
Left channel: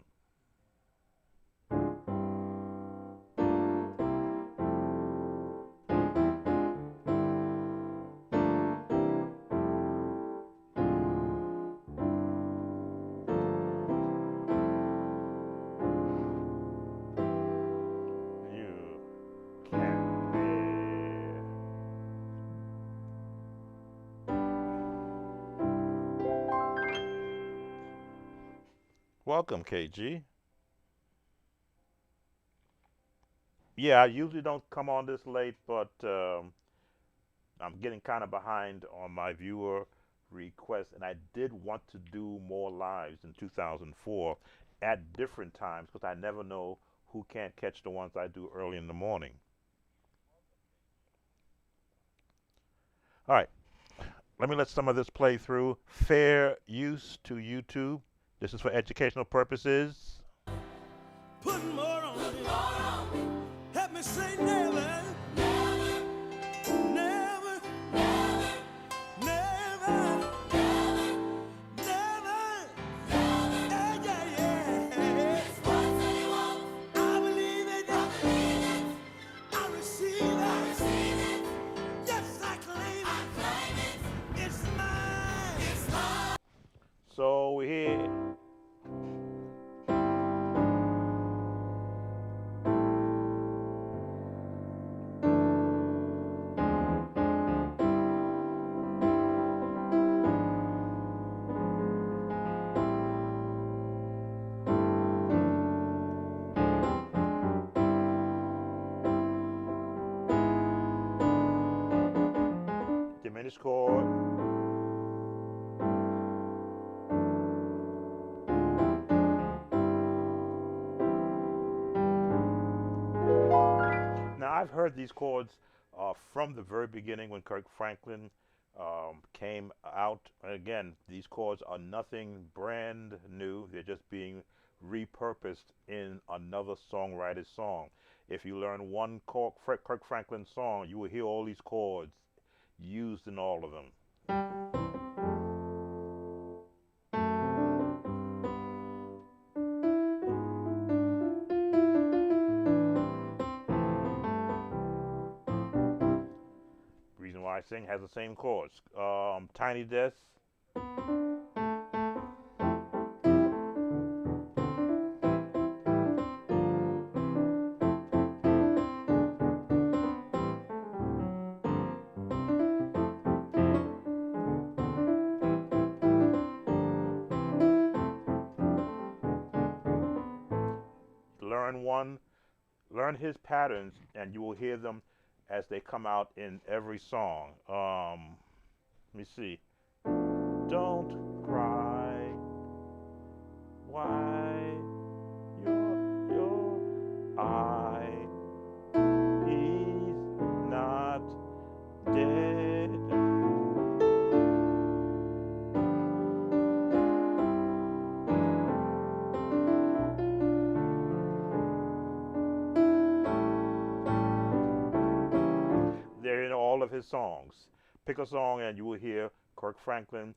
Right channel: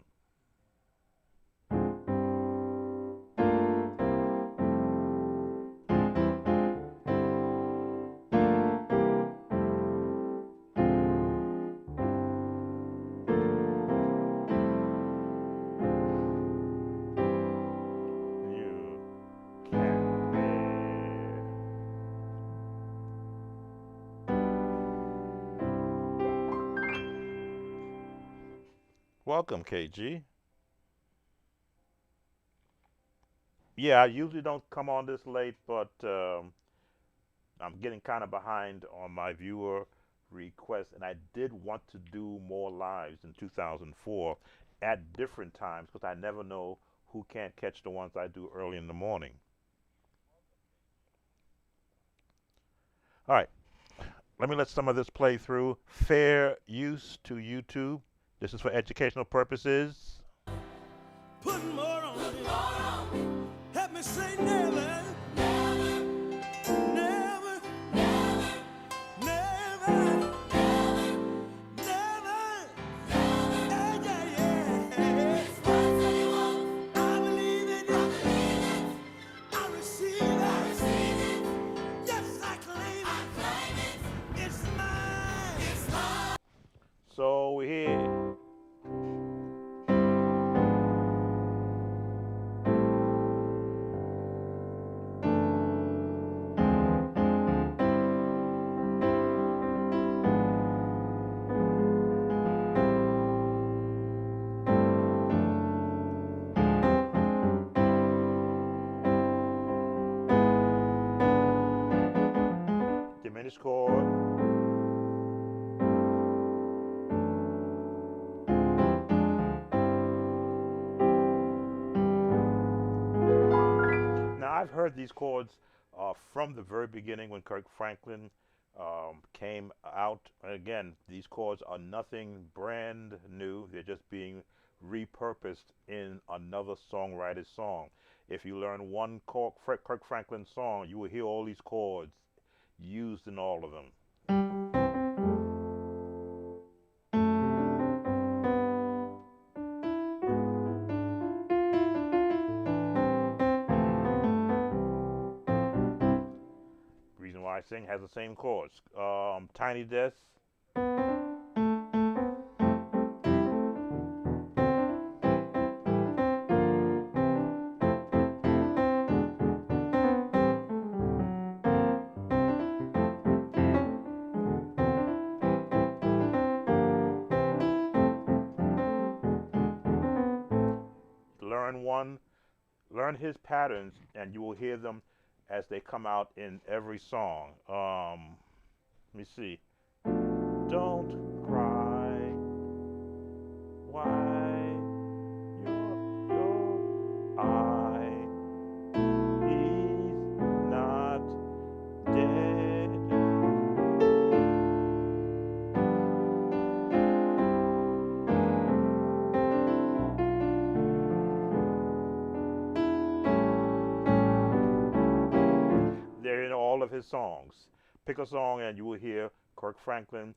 You can be Welcome, KG. Yeah, I usually don't come on this late, but I'm getting kind of behind on my viewer requests, and I did want to do more lives in 2004 at different times because I never know who can't catch the ones I do early in the morning. All right, let me let some of this play through. Fair use to YouTube. This is for educational purposes. Put more on it. Help me say never, never, never, never. Yeah, yeah, yeah. I believe it. I receive it. Yes, I claim it. It's mine. So we're here. Diminished chord. Now I've heard these chords from the very beginning when Kirk Franklin came out. Again, these chords are nothing brand new. They're just being repurposed in another songwriter's song. If you learn one Kirk Franklin song, you will hear all these chords used in all of them. Reason why I sing has the same chords. Tiny Desk. Learn one, learn his patterns, and you will hear them as they come out in every song. Let me see. Don't cry. Why your eye? He's not dead. They're in all of his songs. Pick a song and you will hear Kirk Franklin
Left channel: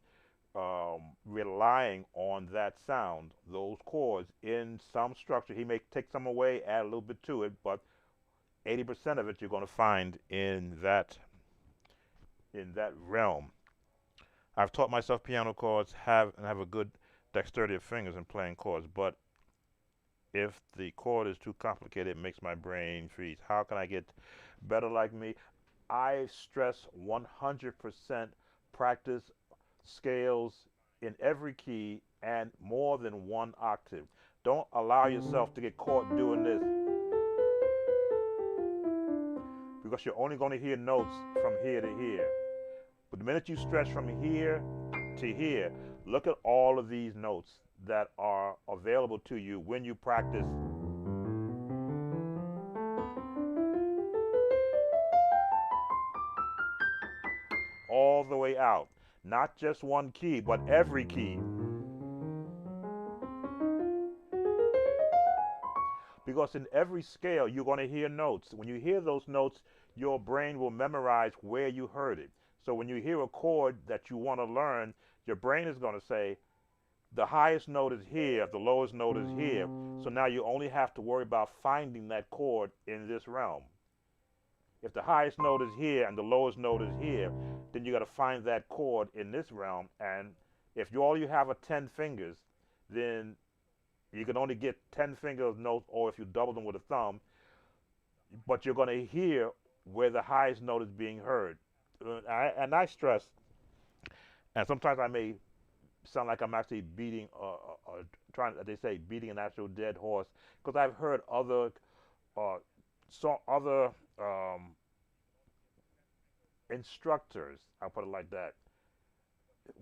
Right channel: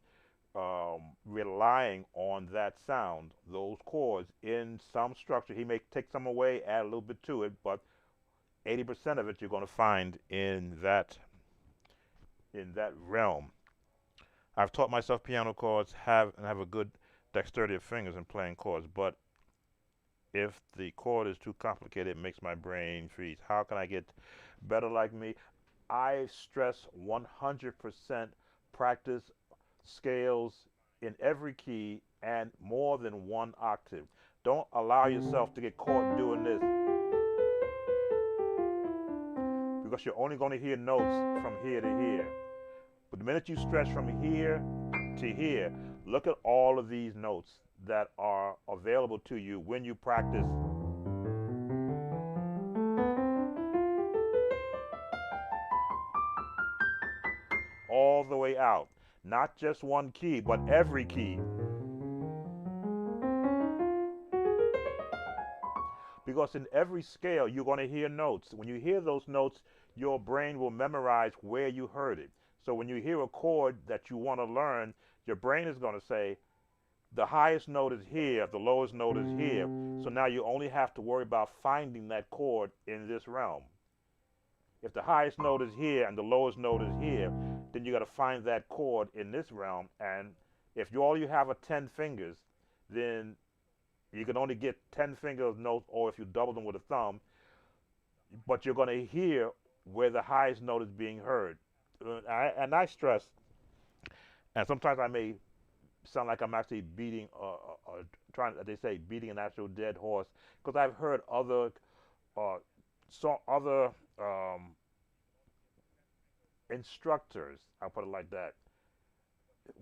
relying on that sound, those chords in some structure. He may take some away, add a little bit to it, but 80% of it you're going to find in that realm. I've taught myself piano chords, have a good dexterity of fingers in playing chords, but if the chord is too complicated, it makes my brain freeze. How can I get better like me? I stress 100% practice scales in every key and more than one octave. Don't allow yourself to get caught doing this because you're only going to hear notes from here to here. But the minute you stretch from here to here, look at all of these notes that are available to you when you practice all the way out. Not just one key, but every key. Because in every scale, you're going to hear notes. When you hear those notes, your brain will memorize where you heard it. So when you hear a chord that you want to learn, your brain is going to say, the highest note is here, the lowest note is here. So now you only have to worry about finding that chord in this realm. If the highest note is here and the lowest note is here, then you got to find that chord in this realm. And if all you have are 10 fingers, then you can only get 10 finger notes, or if you double them with a thumb, but you're going to hear where the highest note is being heard. And I stress, and sometimes I may sound like I'm actually beating, trying. They say beating an actual dead horse, because I've heard other, uh, other um, instructors. I'll put it like that,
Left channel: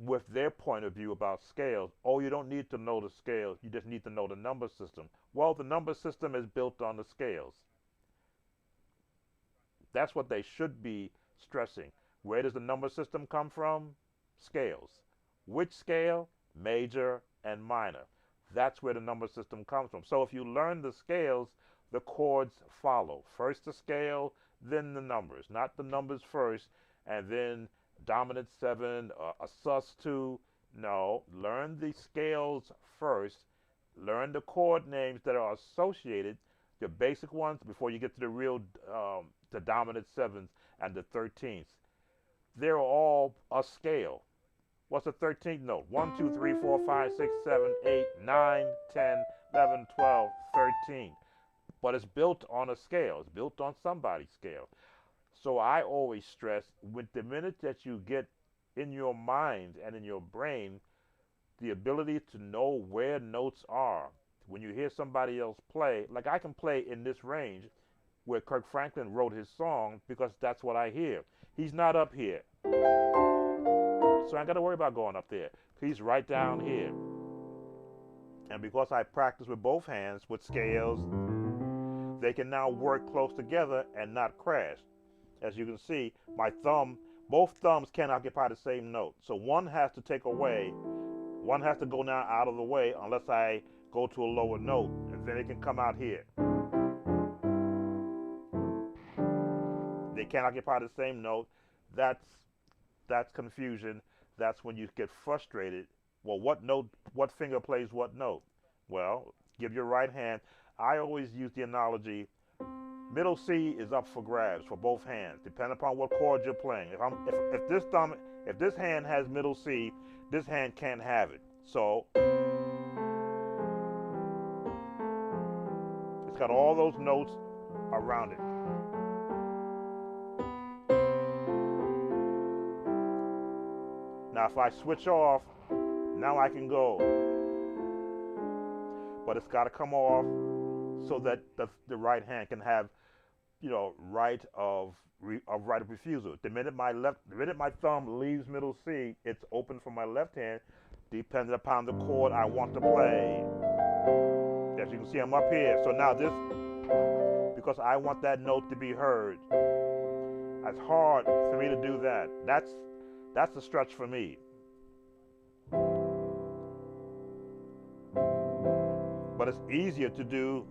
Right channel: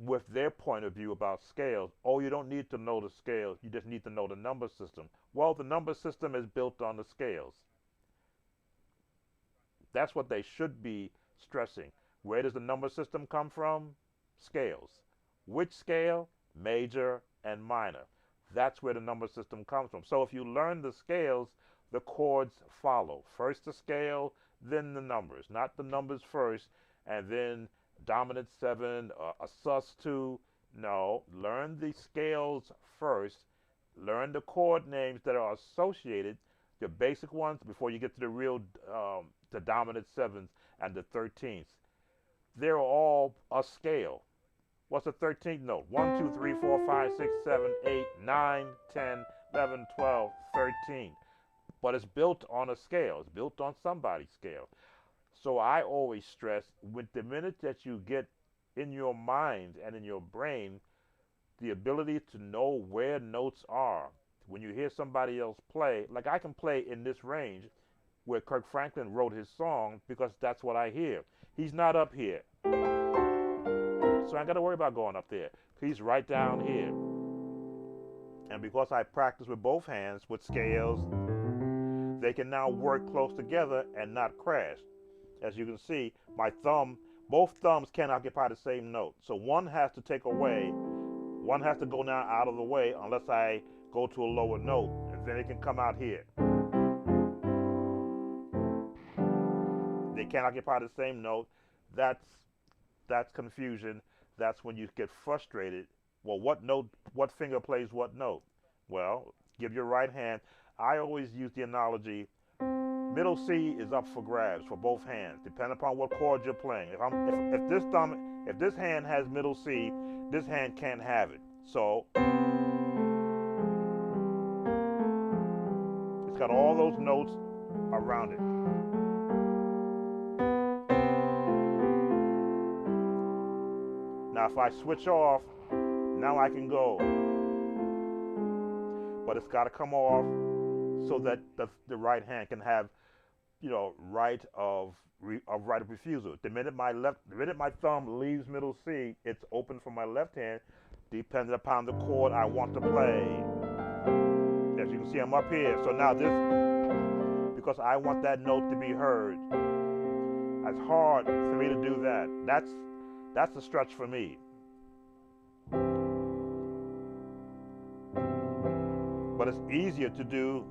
with their point of view about scales. Oh, you don't need to know the scales. You just need to know the number system. Well, the number system is built on the scales. That's what they should be stressing. Where does the number system come from? Scales. Which scale? Major and minor. That's where the number system comes from. So if you learn the scales, the chords follow. First the scale, then the numbers. Not the numbers first, and then dominant 7, a sus2. No, learn the scales first. Learn the chord names that are associated, the basic ones, before you get to the real, the dominant 7s and the 13ths. They're all a scale. What's the 13th note? 1, 2, 3, 4, 5, 6, 7, 8, 9, 10, 11, 12, 13. But it's built on a scale. It's built on somebody's scale. So I always stress, with the minute that you get in your mind and in your brain the ability to know where notes are, when you hear somebody else play, like I can play in this range where Kirk Franklin wrote his song, because that's what I hear. He's not up here, so I ain't got to worry about going up there. He's right down here. And because I practice with both hands with scales, they can now work close together and not crash. As you can see, my thumb, both thumbs can't occupy the same note. So one has to take away, one has to go now out of the way unless I go to a lower note, and then it can come out here. They can't occupy the same note. That's confusion. That's when you get frustrated. Well, what note, what finger plays what note? Well, give your right hand. I always use the analogy, middle C is up for grabs for both hands, depending upon what chord you're playing. If this hand has middle C, this hand can't have it. So it's got all those notes around it. Now if I switch off, now I can go. But it's got to come off so that the right hand can have, right of refusal. The minute my thumb leaves middle C, it's open for my left hand, depending upon the chord I want to play. As you can see, I'm up here. So now this, because I want that note to be heard, it's hard for me to do that. That's a stretch for me. But it's easier to do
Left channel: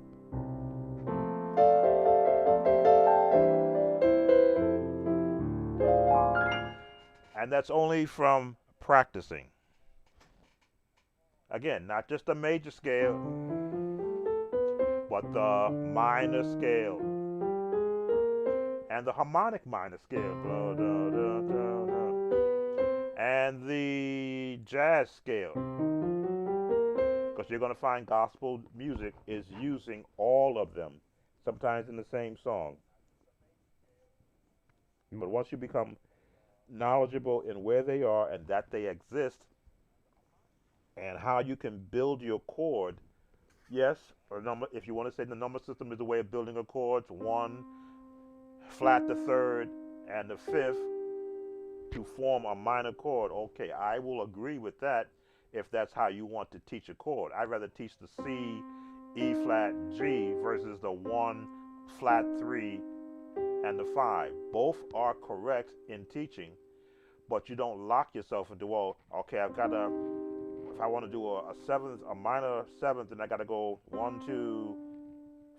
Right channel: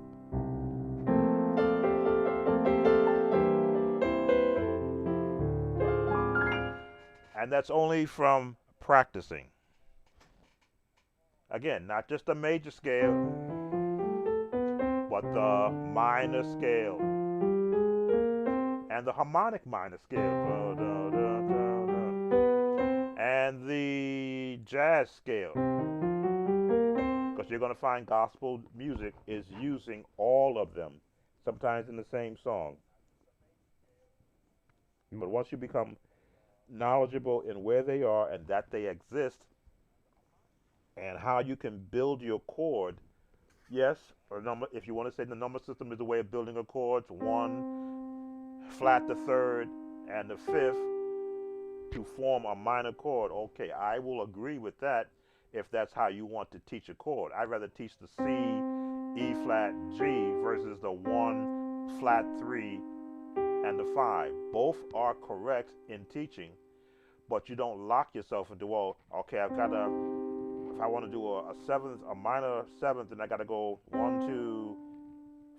and that's only from practicing. Again, not just the major scale, but the minor scale and the harmonic minor scale, and the jazz scale, because you're going to find gospel music is using all of them, sometimes in the same song. But once you become knowledgeable in where they are and that they exist and how you can build your chord, yes, or number, if you want to say the number system is a way of building a chord, 1 flat the 3rd and the 5th to form a minor chord. Okay, I will agree with that if that's how you want to teach a chord. I'd rather teach the C, E flat, G versus the 1 flat 3 and the 5. Both are correct in teaching, but you don't lock yourself into, well, okay, I've got to, if I want to do a 7th, a minor 7th, then I got to go 1, 2,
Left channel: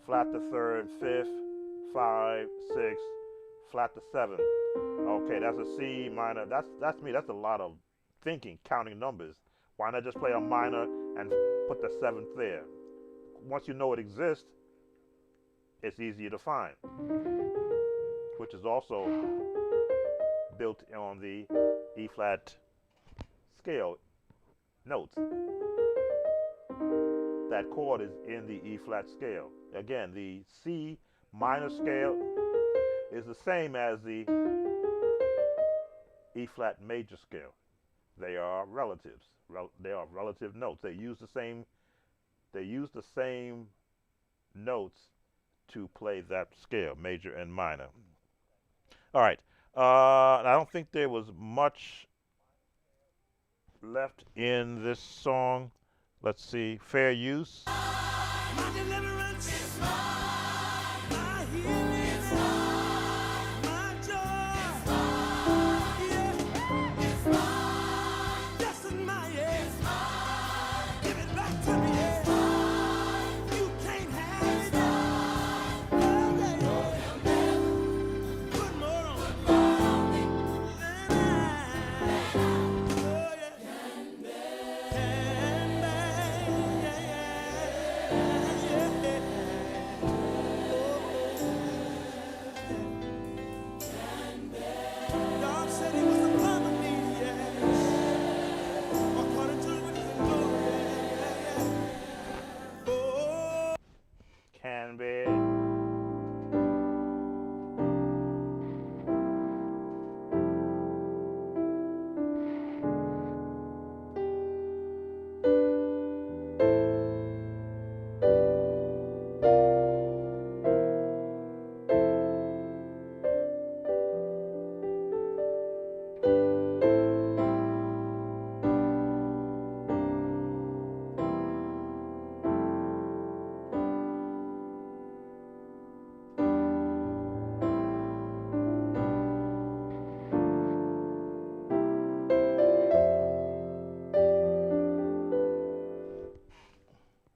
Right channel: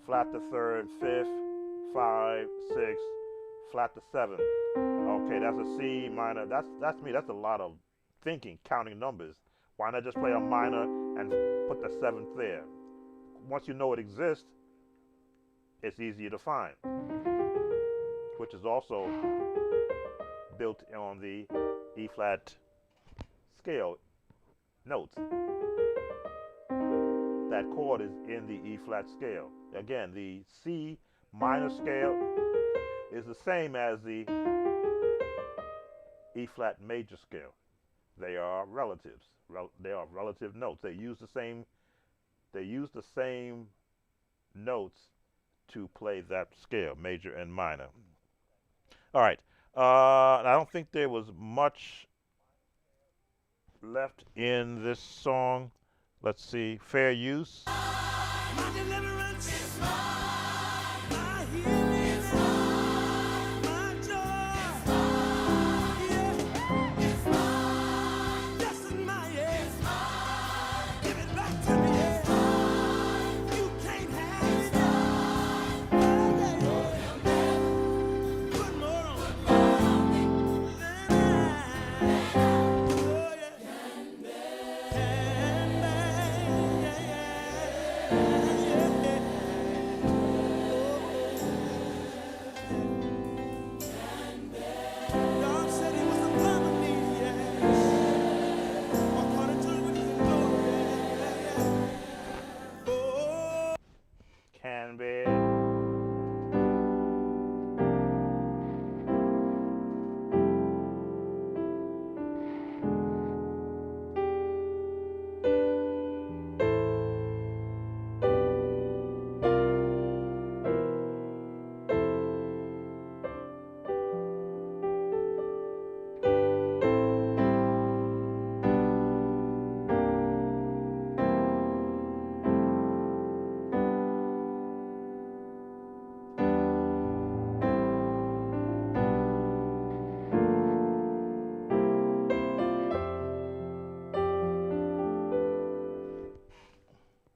flat the 3rd, 5th, 5, 6, flat the 7th. Okay, that's a C minor. That's me. That's a lot of thinking, counting numbers. Why not just play a minor and put the 7th there? Once you know it exists, it's easier to find, which is also built on the E flat scale notes. That chord is in the E flat scale. Again, the C minor scale is the same as the E flat major scale. They are relatives. They are relative notes. They use the same. They use the same notes to play that scale, major and minor. All right. I don't think there was much left in this song. Let's see. Fair use. My deliverance is mine. My healing is mine. My joy is mine. Yeah, it's mine. Yes, it's mine. Yeah, it's mine. Give it back to me. Yeah, it's mine. You can't have it. Yeah, yeah, yeah. Put more on it. Than oh, yeah. Can bear. Yeah, yeah, yeah. God said He was upon me, yeah. According to His riches and glory, yeah, yeah. Oh, Can be.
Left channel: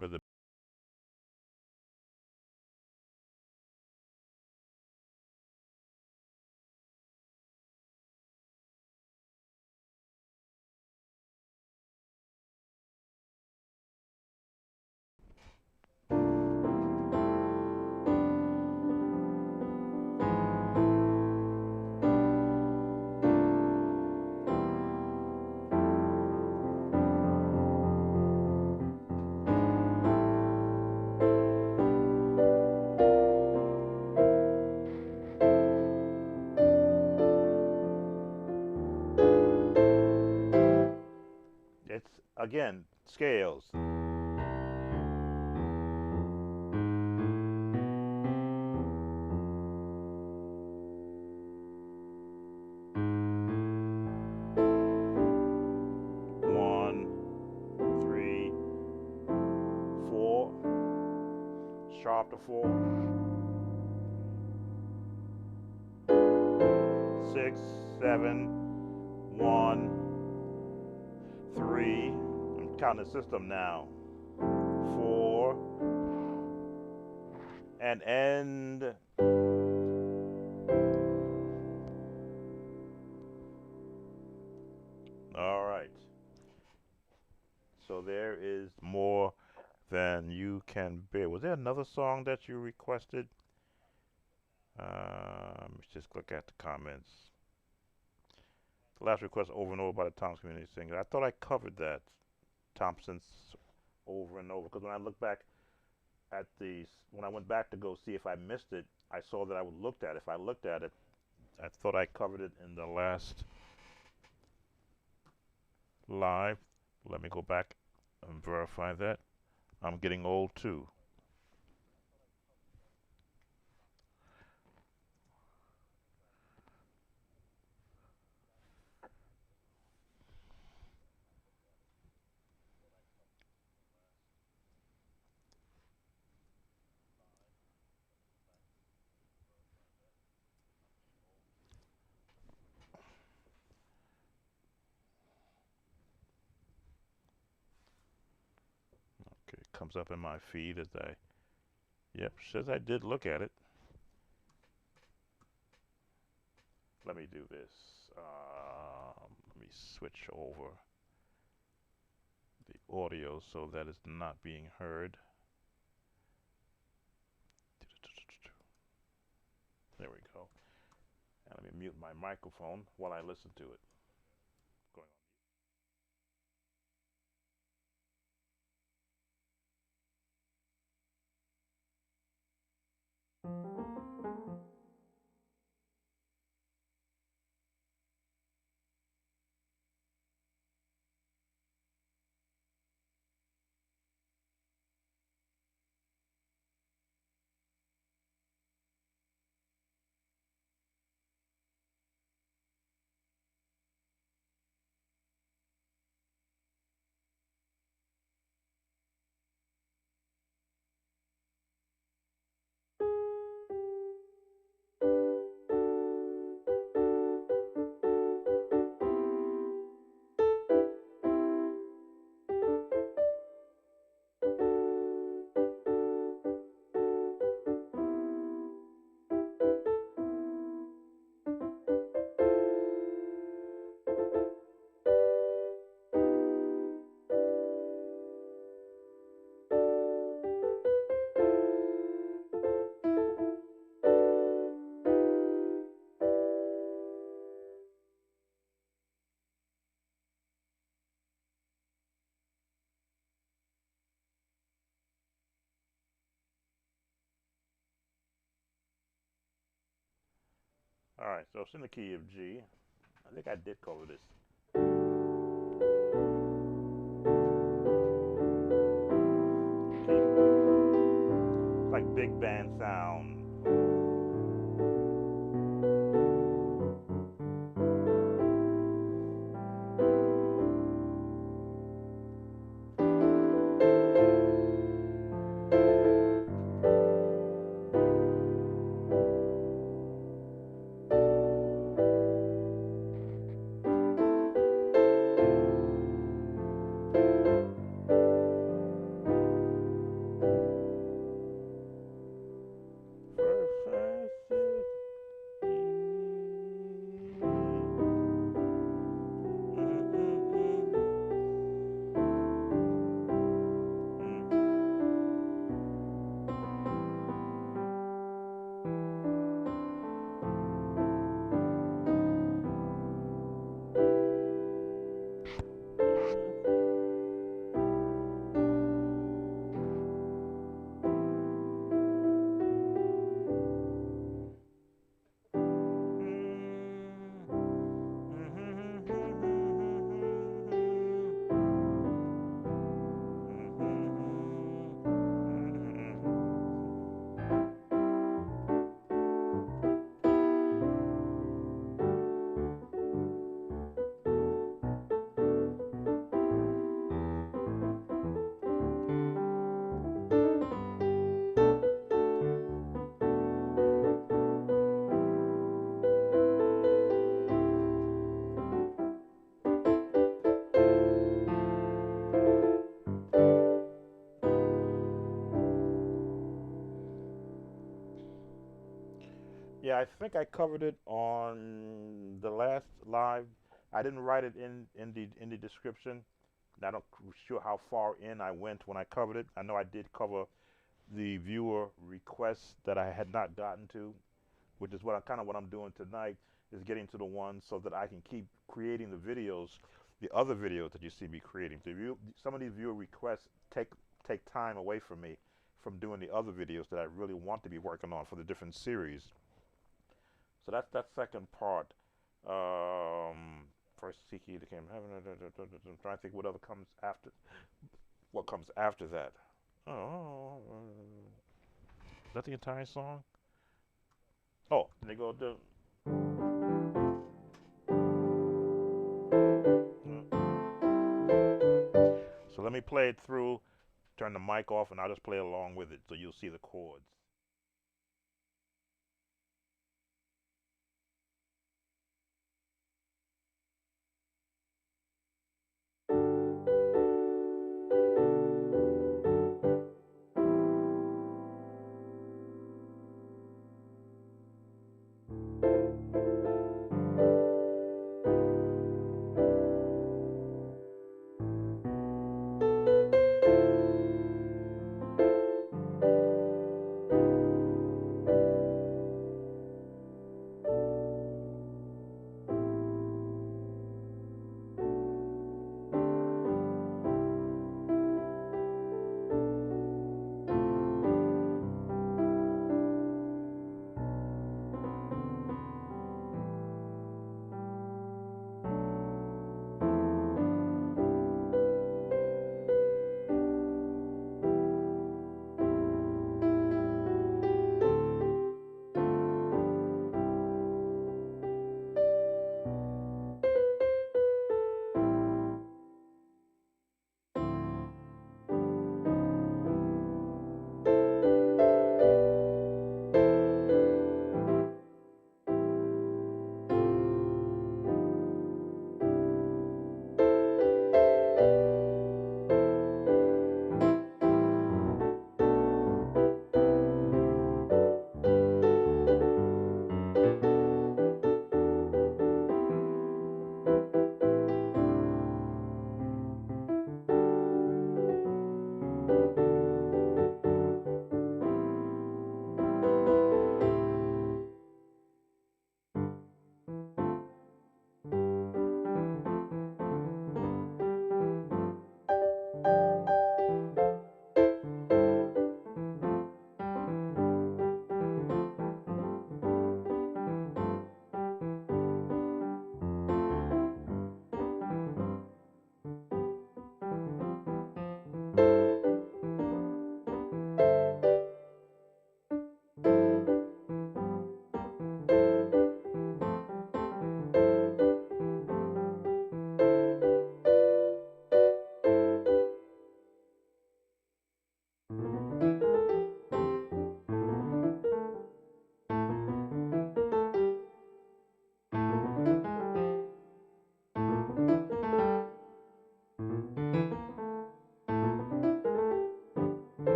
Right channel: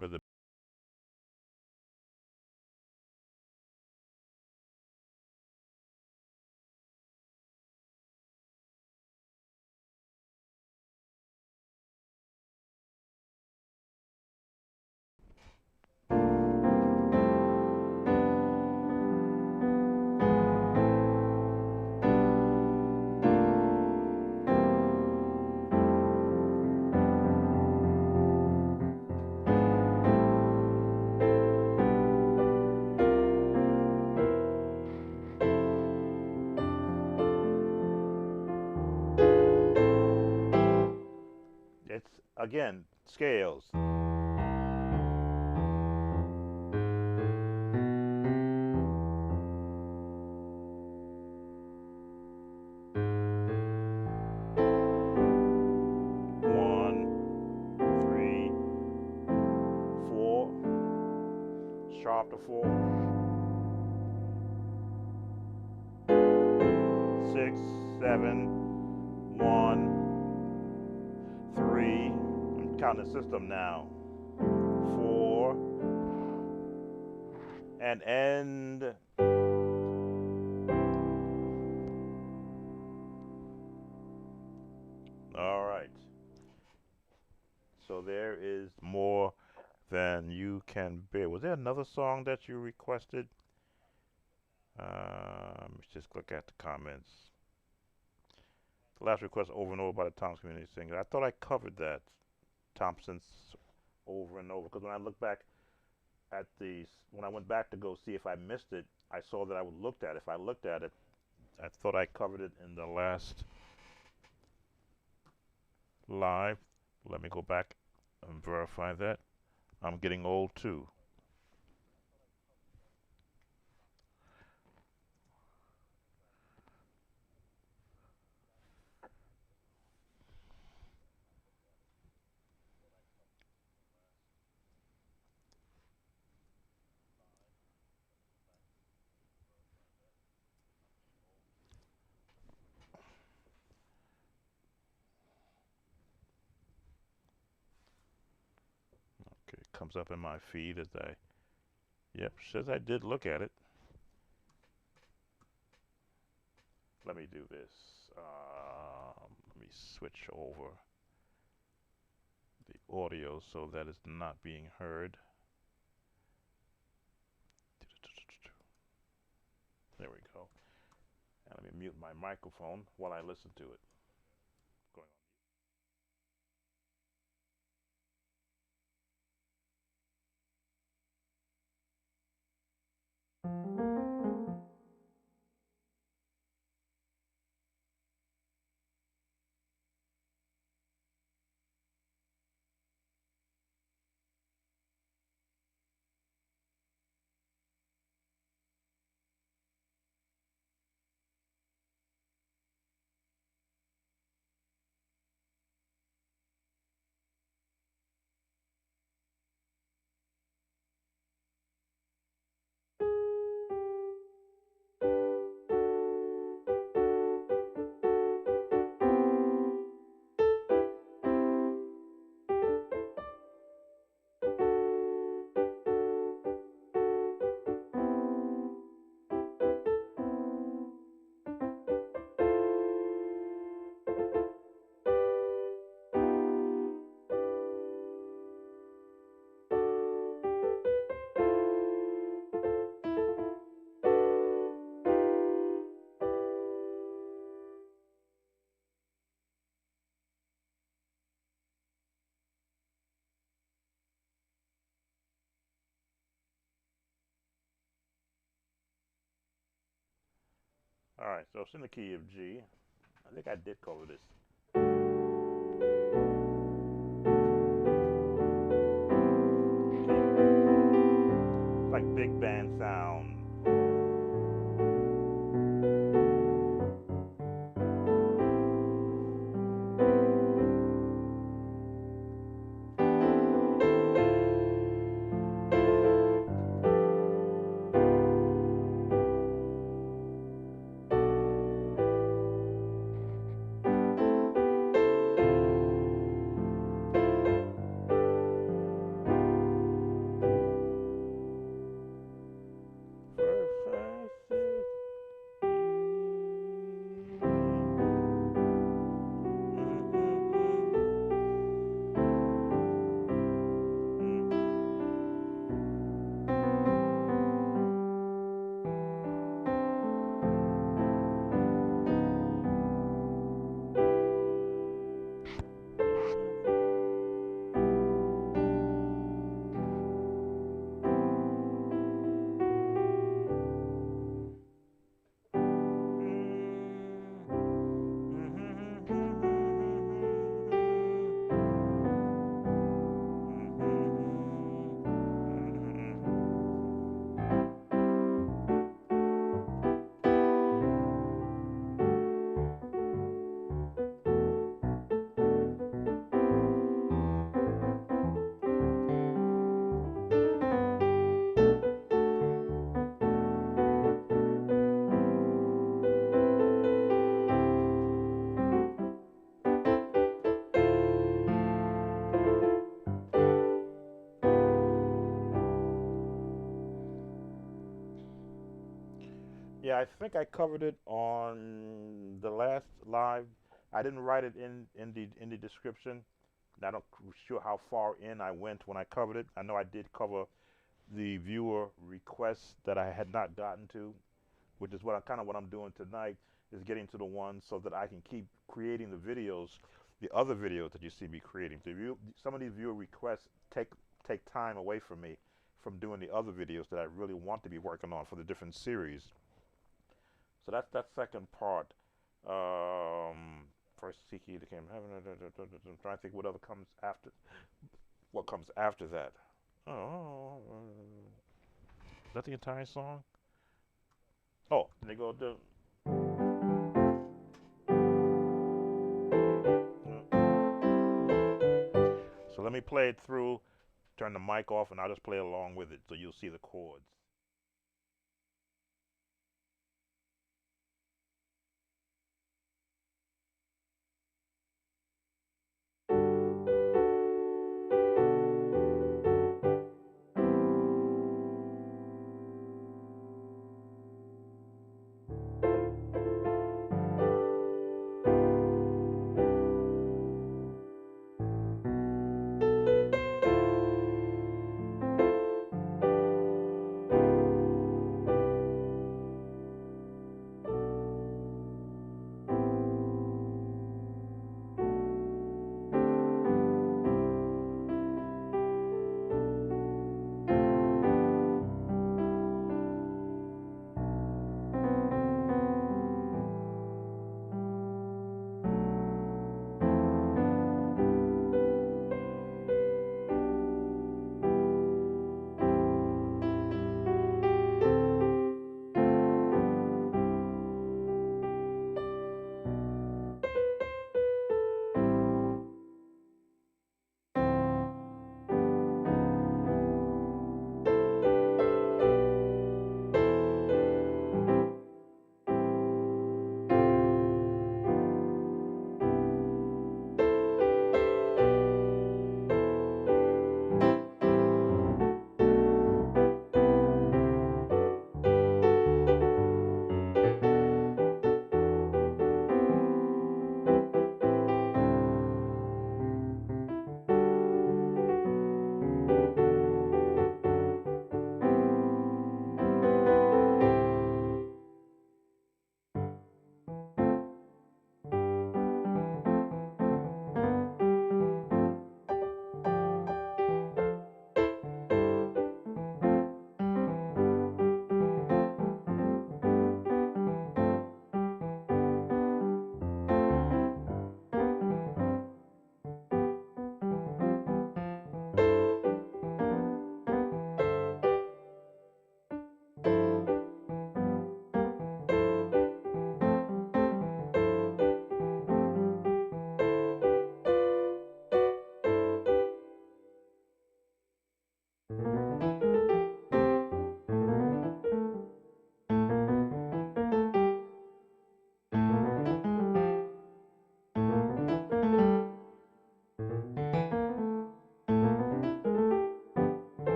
With the it's again scales. 1, 3, 4, sharp to 4, 6, 7, 1, 3. I'm counting the system now. 4 and end. All right. So there is more than you can bear. Was there another song that you requested? Let's just look at the comments. The last request over and over by the Thompson Community Singer. I thought I covered that. Thompson's over and over. Because when I look back at when I went back to go see if I missed it, I saw that I would looked at it. If I looked at it, I thought I covered it in the last live. Let me go back and verify that. I'm getting old too. Okay, it comes up in my feed as yep, says I did look at it. Let me do this. Let me switch over the audio so that it's not being heard. There we go. And let me mute my microphone while I listen to it. Going All right, so it's in the key of G. I think I did cover this. It's like big band sound. Yeah, I think I covered it on the last live. I didn't write it in the description. I don't sure how far in I went when I covered it. I know I did cover the viewer requests that I had not gotten to, which is what I kind of what I'm doing tonight is getting to the ones so that I can keep creating the videos, the other videos that you see me creating. Some of these viewer requests take time away from me from doing the other videos that I really want to be working on for the different series. So that's that second part. First seek ye the kingdom of heaven. I'm trying to think what other comes after. What comes after that? Oh, is that the entire song? Oh, they go to. So let me play it through. Turn the mic off, and I'll just play along with it, so you'll see the chords.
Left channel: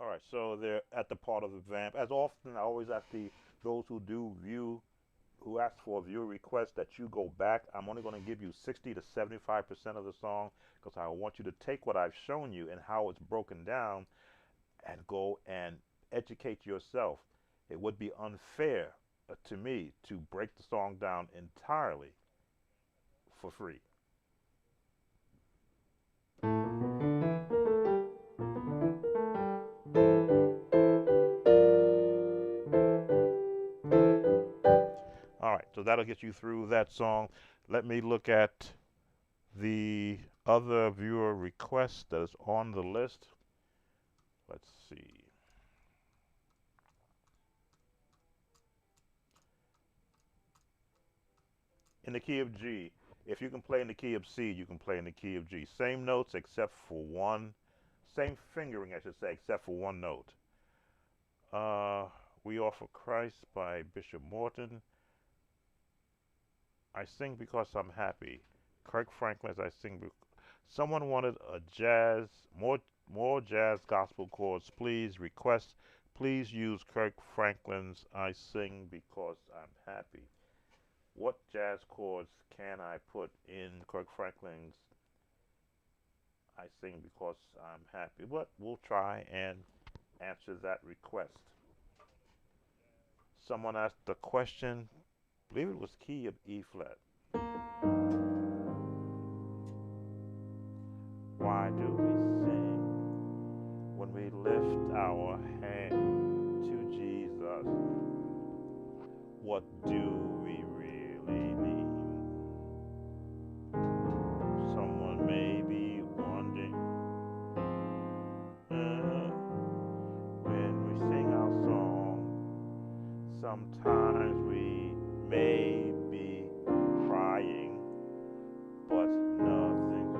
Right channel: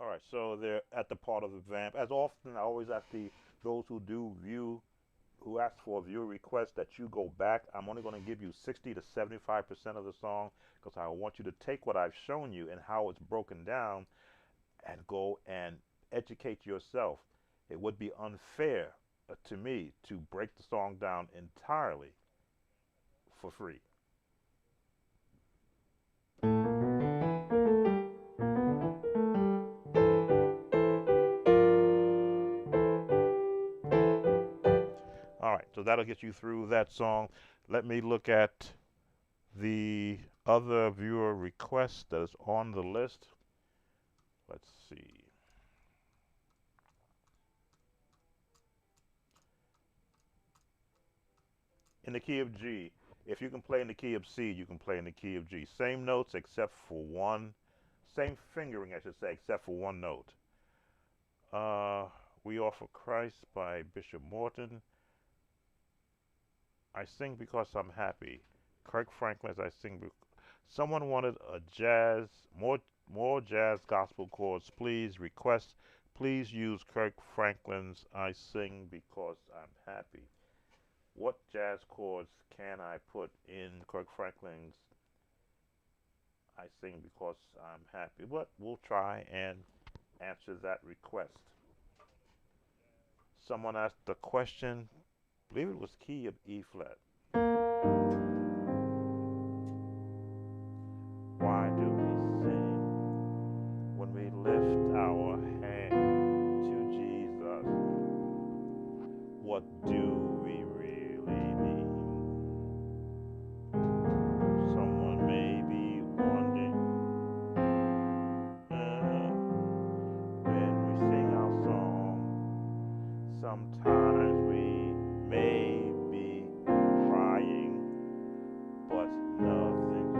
All right, so they're at the part of the vamp. As often, I always ask those who do view, who ask for a viewer request that you go back. I'm only going to give you 60 to 75% of the song because I want you to take what I've shown you and how it's broken down and go and educate yourself. It would be unfair to me to break the song down entirely for free. All right, so that'll get you through that song. Let me look at the other viewer request that is on the list. Let's see. In the key of G, if you can play in the key of C, you can play in the key of G. Same notes except for one, same fingering, I should say, except for one note. We Offer Christ by Bishop Morton. I sing because I'm happy. Kirk Franklin, as I sing. Someone wanted a jazz, more jazz gospel chords. Please request. Please use Kirk Franklin's I Sing Because I'm Happy. What jazz chords can I put in Kirk Franklin's I Sing Because I'm Happy? But we'll try and answer that request. Someone asked the question, I believe it was key of E flat. Why do we sing when we lift our hand to Jesus? What do we really mean? Someone may be wondering when we sing our song, sometimes we may be crying, but nothing.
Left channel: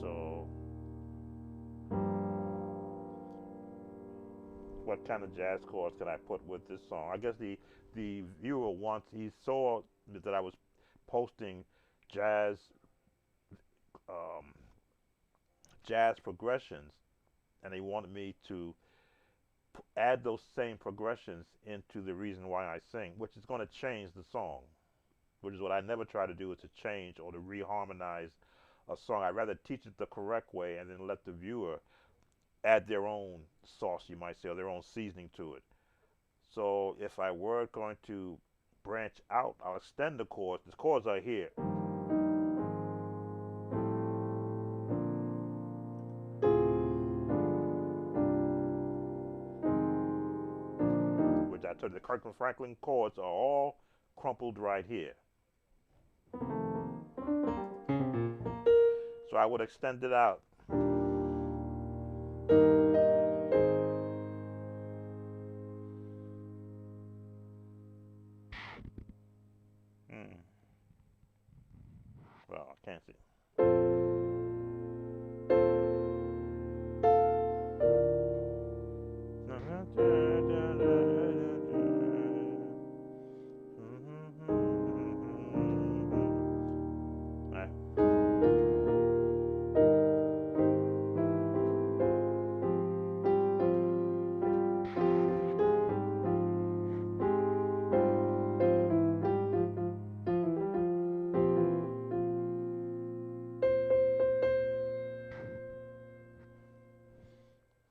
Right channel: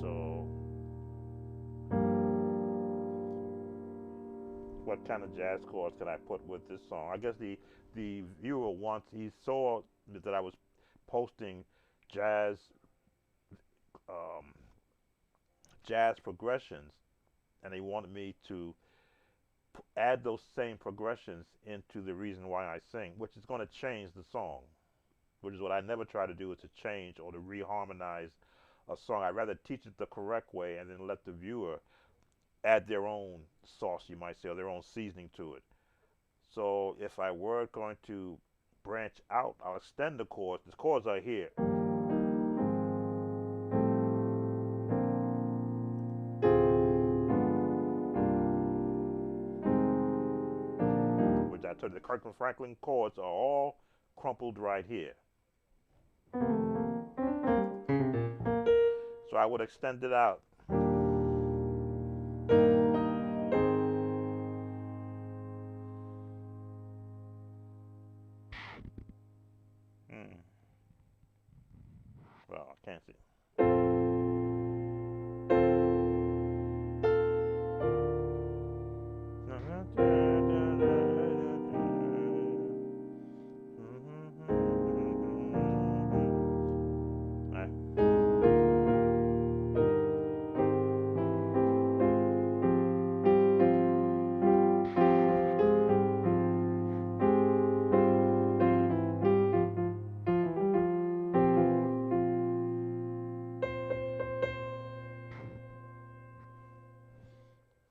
So, what kind of jazz chords can I put with this song? I guess the viewer wants, he saw that I was posting jazz um, jazz progressions, and they wanted me to add those same progressions into the reason why I sing, which is going to change the song, which is what I never try to do, is to change or to reharmonize a song. I'd rather teach it the correct way and then let the viewer add their own sauce, you might say, or their own seasoning to it. So if I were going to branch out, I'll extend the chords. The chords are here. Which I told you, the Kirkland Franklin chords are all crumpled right here. So I would extend it out. Hmm. Well, I can't see.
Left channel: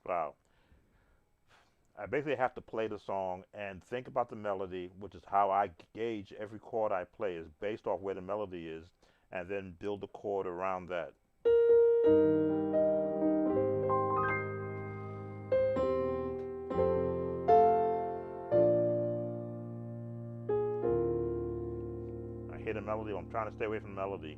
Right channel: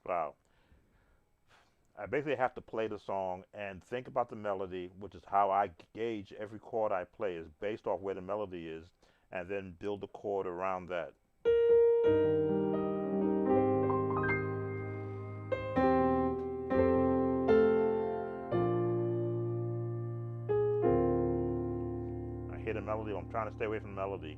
Wow. I basically have to play the song and think about the melody, which is how I gauge every chord I play is based off where the melody is, and then build the chord around that. I hear the melody, I'm trying to stay away from the melody.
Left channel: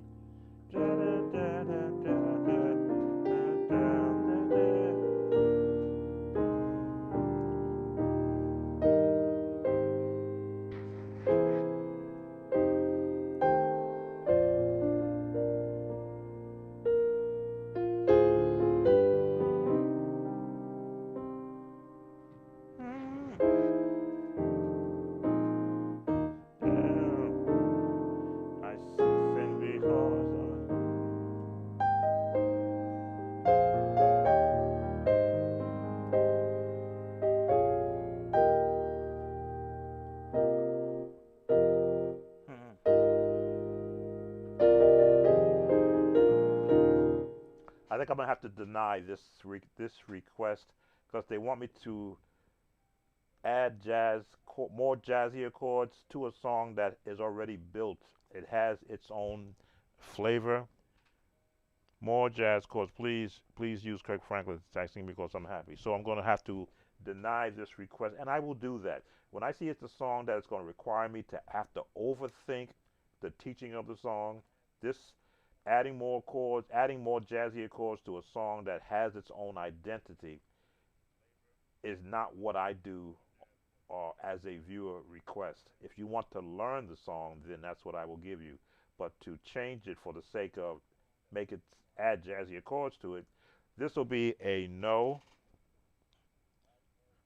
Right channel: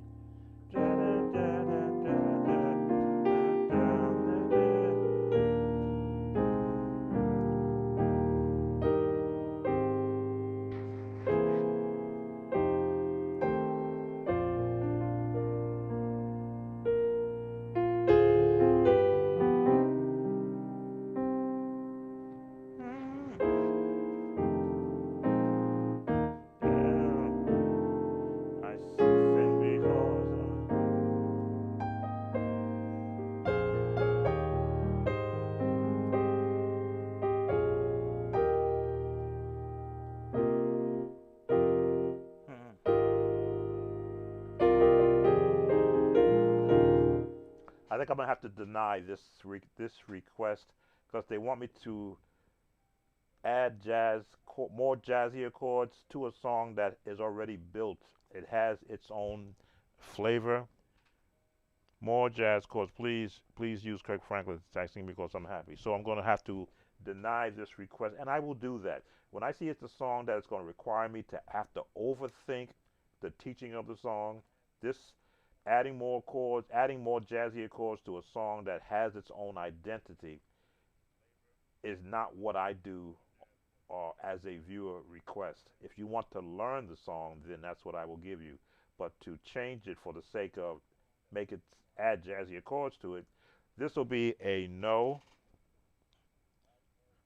think I'm gonna have to deny this request because they want me to add more jazzier chords to a song that is already built. It has its own flavor. More jazz chords, please. Please use Kirk Franklin texting because I'm happy. So I'm going to have to deny this request, and I will do that. When I see it's a song that is going to require me to have to overthink the teaching of the song, this adding more chords, adding more jazzier chords to a song that has its own identity is not what I do as a viewer request. If you want to learn the song, then that's what I will give you. But to change it for the sake of make it add jazzy chords to it, this will be a no.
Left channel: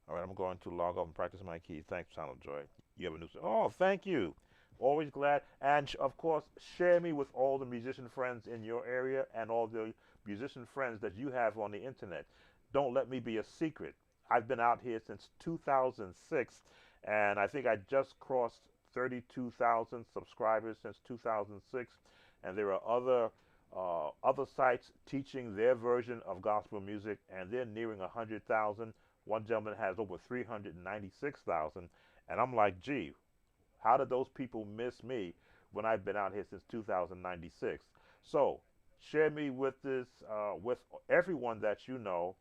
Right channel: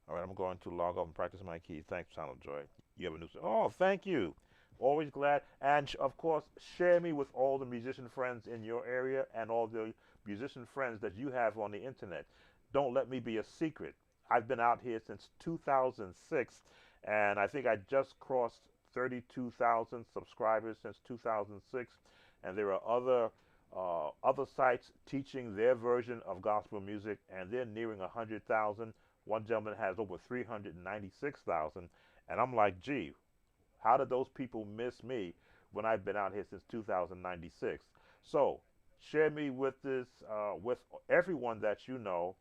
All right, I'm going to log off and practice my keys. Thanks, Channel Joy. You have a new. Oh, thank you. Always glad. And of course, share me with all the musician friends in your area and all the musician friends that you have on the internet. Don't let me be a secret. I've been out here since 2006, and I think I just crossed 32,000 subscribers since 2006. And there are other sites teaching their version of gospel music, and they're nearing 100,000. One gentleman has over 396,000, and I'm like, gee, how did those people miss me when I've been out here since 2096? So share me with everyone that you know.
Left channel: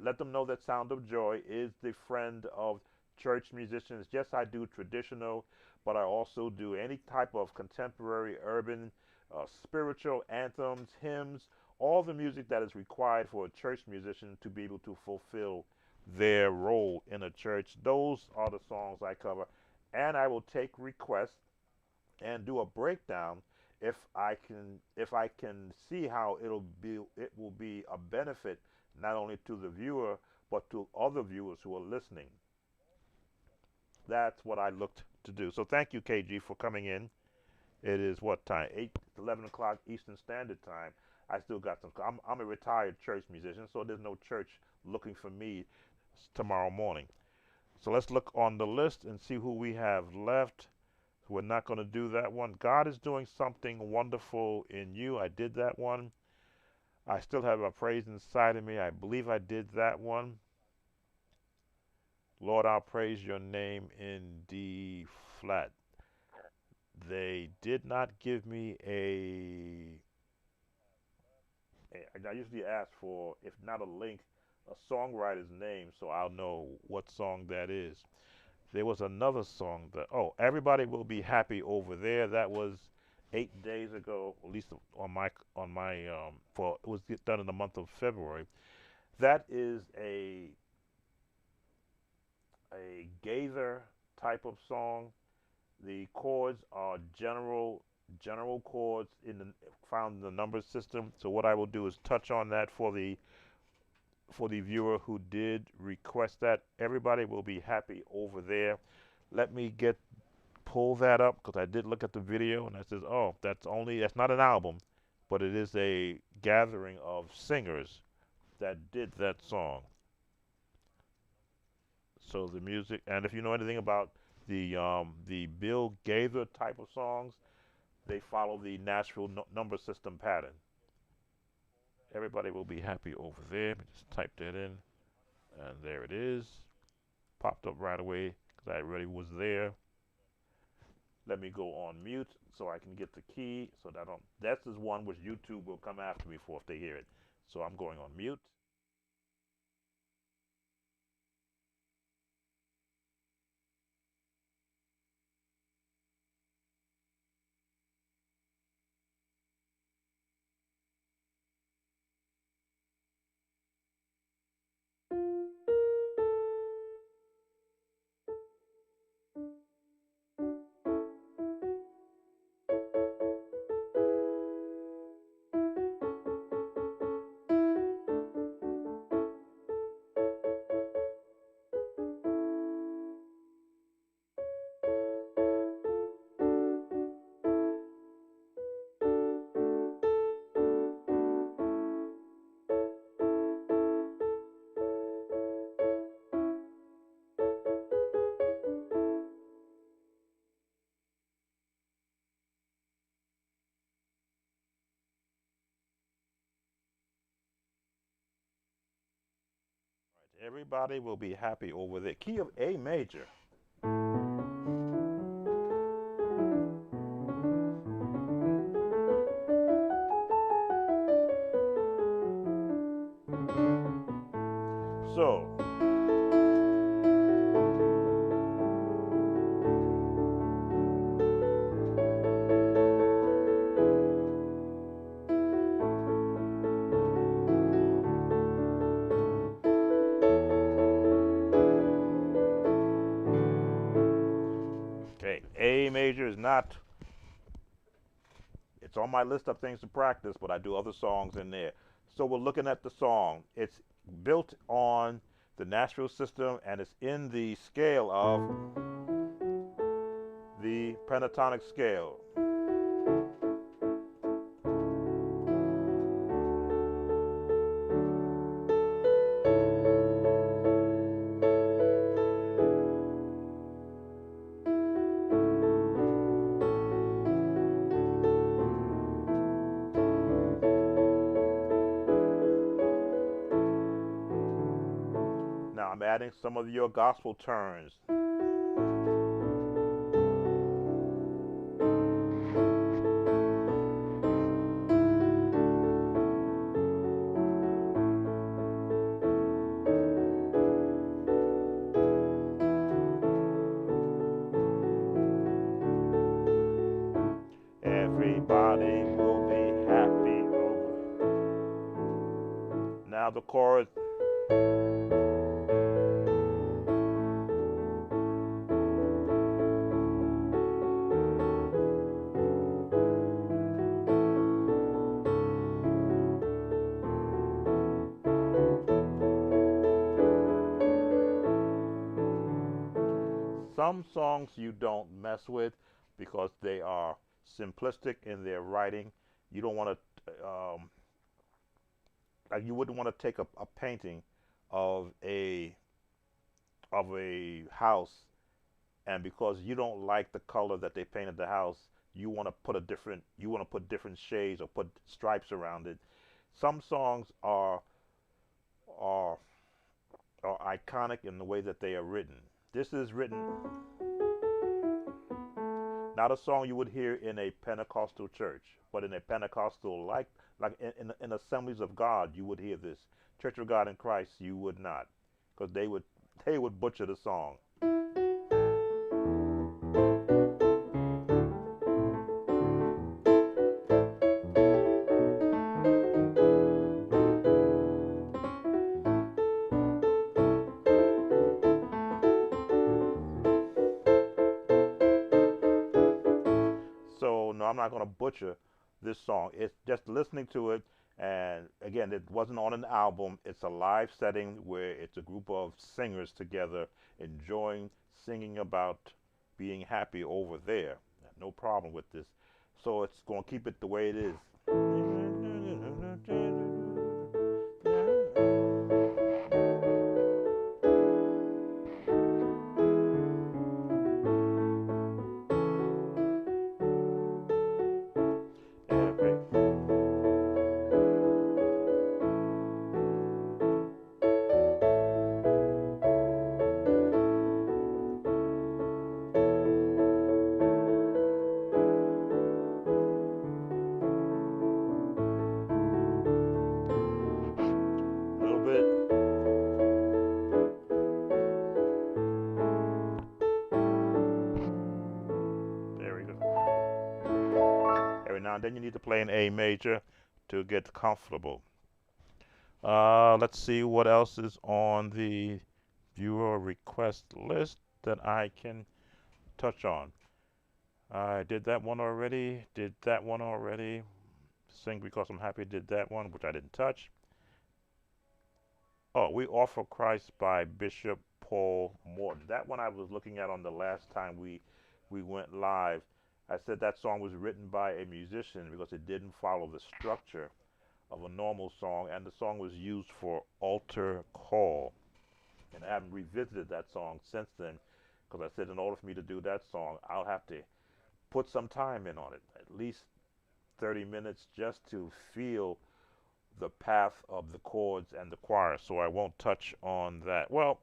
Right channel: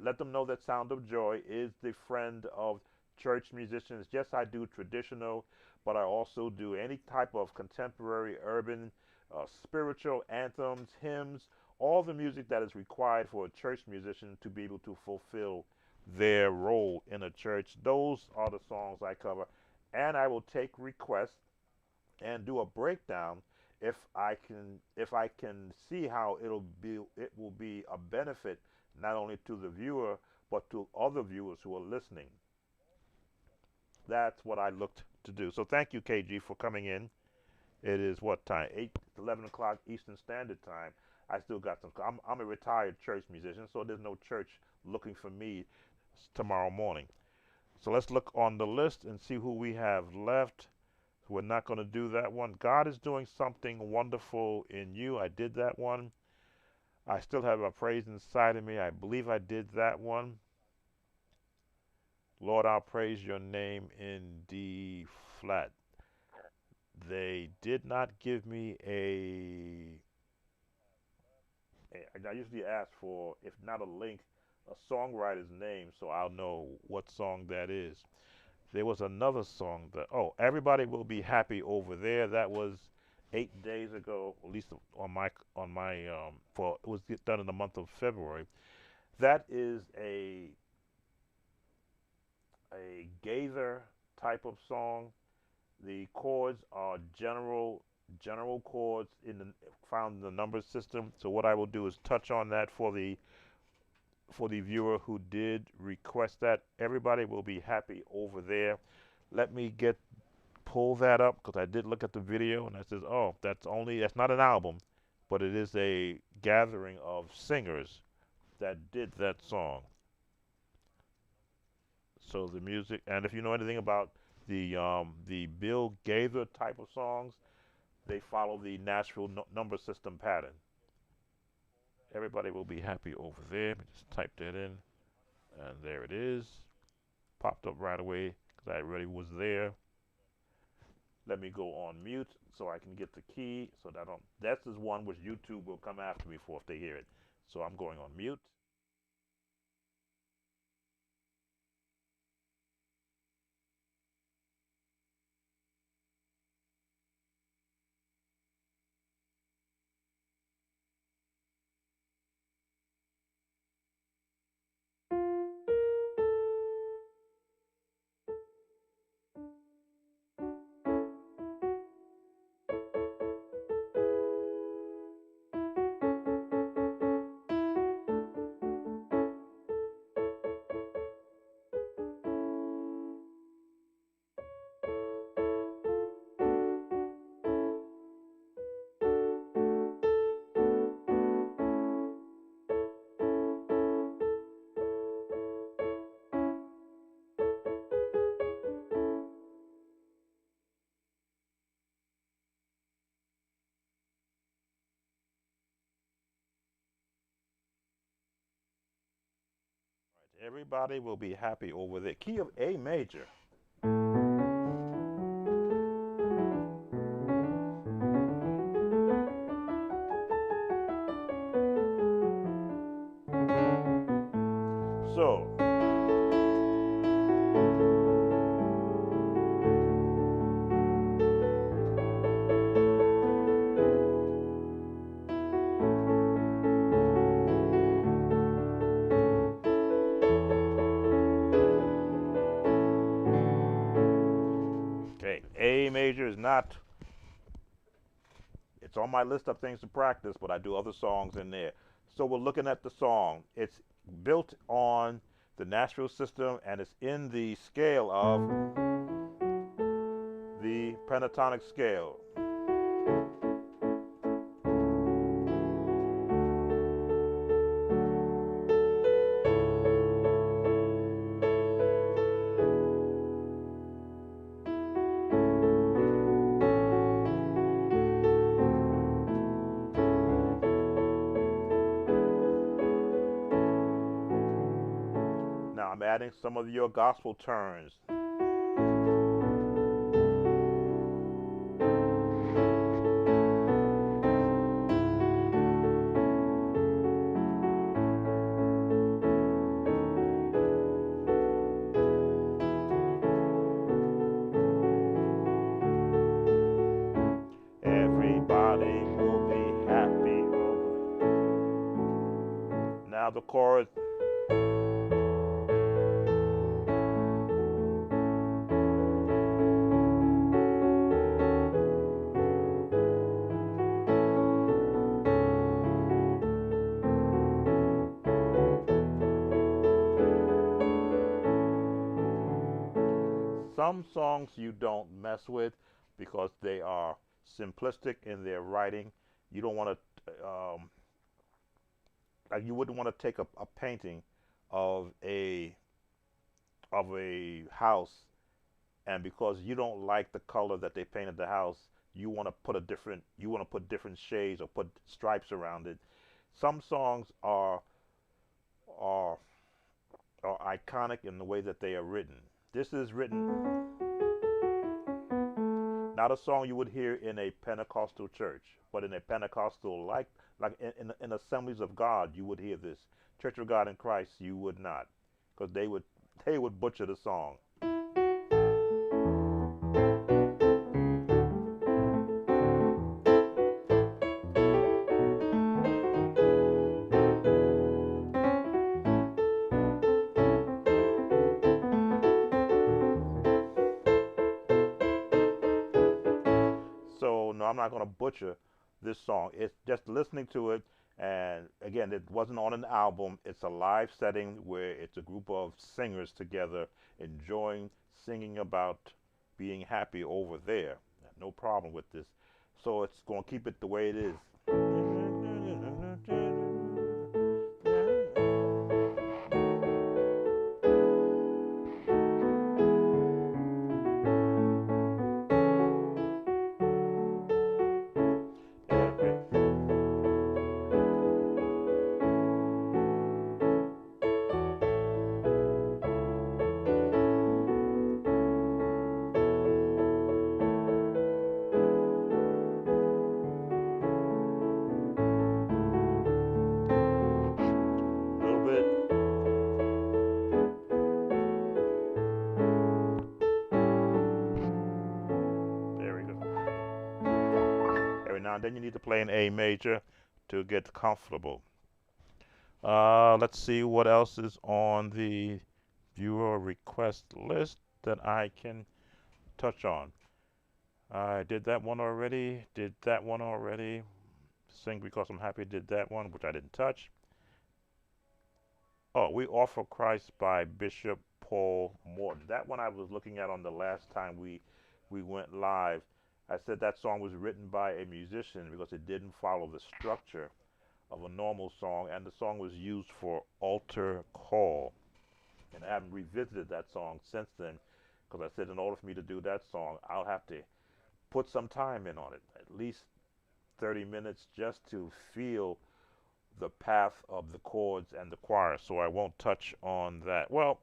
Let them know that Sound of Joy is the friend of church musicians. Yes, I do traditional, but I also do any type of contemporary, urban, spiritual anthems, hymns, all the music that is required for a church musician to be able to fulfill their role in a church. Those are the songs I cover, and I will take requests and do a breakdown if I can see how it will be a benefit not only to the viewer but to other viewers who are listening. That's what I looked to do. So thank you, KG, for coming in. It is what time? 11 o'clock Eastern Standard Time. I still got some. I'm a retired church musician, so there's no church looking for me tomorrow morning. So let's look on the list and see who we have left. We're not going to do that one. God is doing something wonderful in you. I did that one. I still have a praise inside of me. I believe I did that one. Lord, I'll praise your name in D flat. They did not give me I usually ask for, if not a link, a songwriter's name so I'll know what song that is. There was another song that, oh, Everybody Will Be Happy Over There. That was 8 days ago, at least on my for it was done in the month of February. That is a Gaither type of song. The chords are general chords found in the number system. So what I will do is touch on that for the viewer who did request that. Everybody will be happy over there. Let me pull that up because I did look at the video and I says, oh, that's not an album, but it is a gathering of singers that did that song. So the music, and if you know anything about the Bill Gaither type of songs, they follow the Nashville number system pattern. Everybody will be happy over there. Let me just type that in, and there it is. Popped up right away because I already was there. Let me go on mute so I can get the key so that that's is one which YouTube will come after me for if they hear it. So I'm going on mute. Everybody will be happy over there. Key of A major. So, okay, A major is not, it's on my list of things to practice, but I do other songs in there. So we're looking at the song. It's built on the Nashville system and it's in the scale of the pentatonic scale. Now I'm adding some of your gospel turns. Everybody will be happy over. Now the chorus. Some songs you don't mess with because they are simplistic in their writing. You don't want to, like you wouldn't want to take a painting of a house, and because you don't like the color that they painted the house, you want to put different shades or put stripes around it. Some songs are are iconic in the way that they are written. This is written not a song you would hear in a Pentecostal church, but in a Pentecostal like in Assemblies of God you would hear this. Church of God in Christ you would not, because they would butcher the song. So no, I'm not going to butcher this song. It's just listening to it, and again, it wasn't on an album. It's a live setting where it's a group of singers together enjoying singing about being happy over there. No problem with this. So it's going to keep it the way it is. Every little bit. There we go. Every now and then you need to play an A major to get comfortable. Let's see what else is on the viewer request list that I can touch on. I did that one already. Did that one already. Sing Because I'm Happy did that one, which I didn't touch. Oh, We Offer Christ by Bishop Paul Morton. That one I was looking at on the last time we went live. I said that song was written by a musician because it didn't follow the structure of a normal song, and the song was used for altar call. And I haven't revisited that song since then because I said in order for me to do that song, I'll have to put some time in on it, at least 30 minutes just to feel the path of the chords and the choir, so I won't touch on that. Well,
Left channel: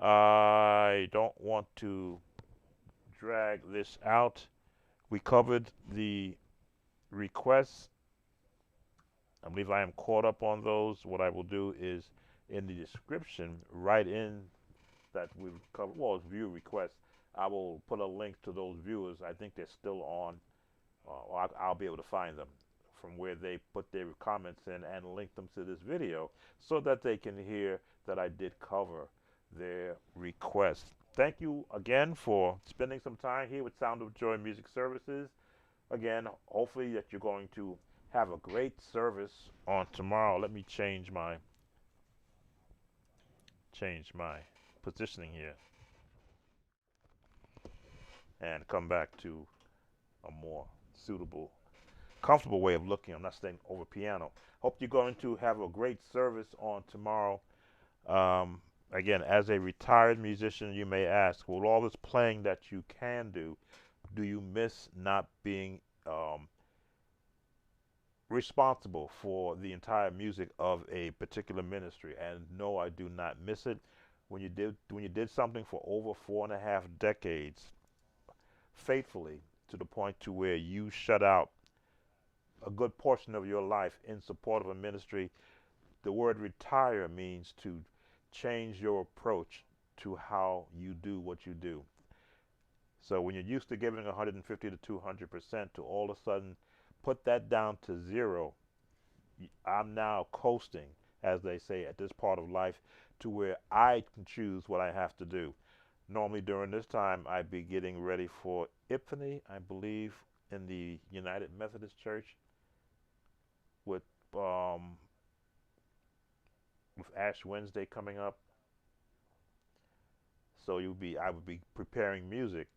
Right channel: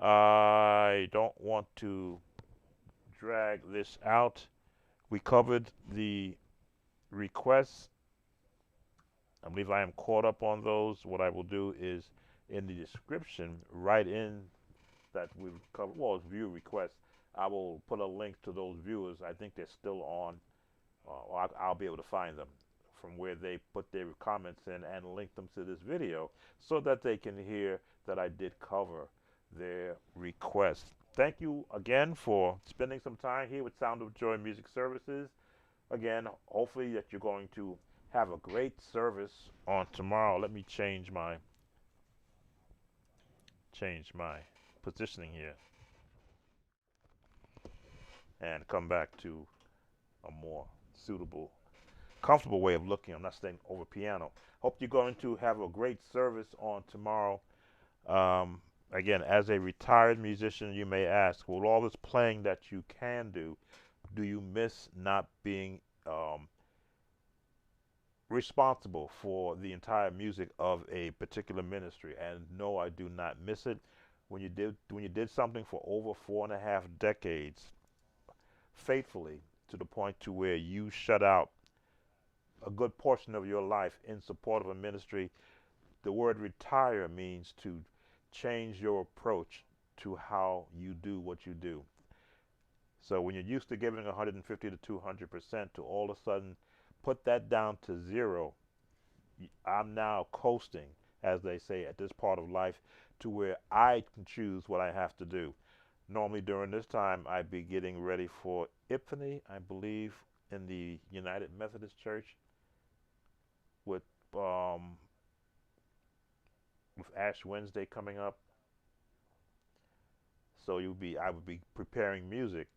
I don't want to drag this out. We covered the requests. I believe I am caught up on those. What I will do is in the description, write in that we've covered, well, it's view requests. I will put a link to those viewers. I think they're still on, or I'll be able to find them from where they put their comments in and link them to this video so that they can hear that I did cover their request. Thank you again for spending some time here with Sound of Joy Music Services. Again, hopefully that you're going to have a great service on tomorrow. Let me change my positioning here and come back to a more suitable, comfortable way of looking. I'm not staying over piano. Hope you're going to have a great service on tomorrow. Um, Again, as a retired musician, you may ask, well, all this playing that you can do you miss not being responsible for the entire music of a particular ministry? And no, I do not miss it. When you did something for over 4.5 decades faithfully to the point to where you shut out a good portion of your life in support of a ministry, the word retire means to change your approach to how you do what you do. So when you're used to giving 150 to 200% to all of a sudden put that down to zero, I'm now coasting, as they say, at this part of life to where I can choose what I have to do. Normally during this time, I'd be getting ready for Epiphany, I believe, in the United Methodist Church with um, with Ash Wednesday coming up. So I would be preparing music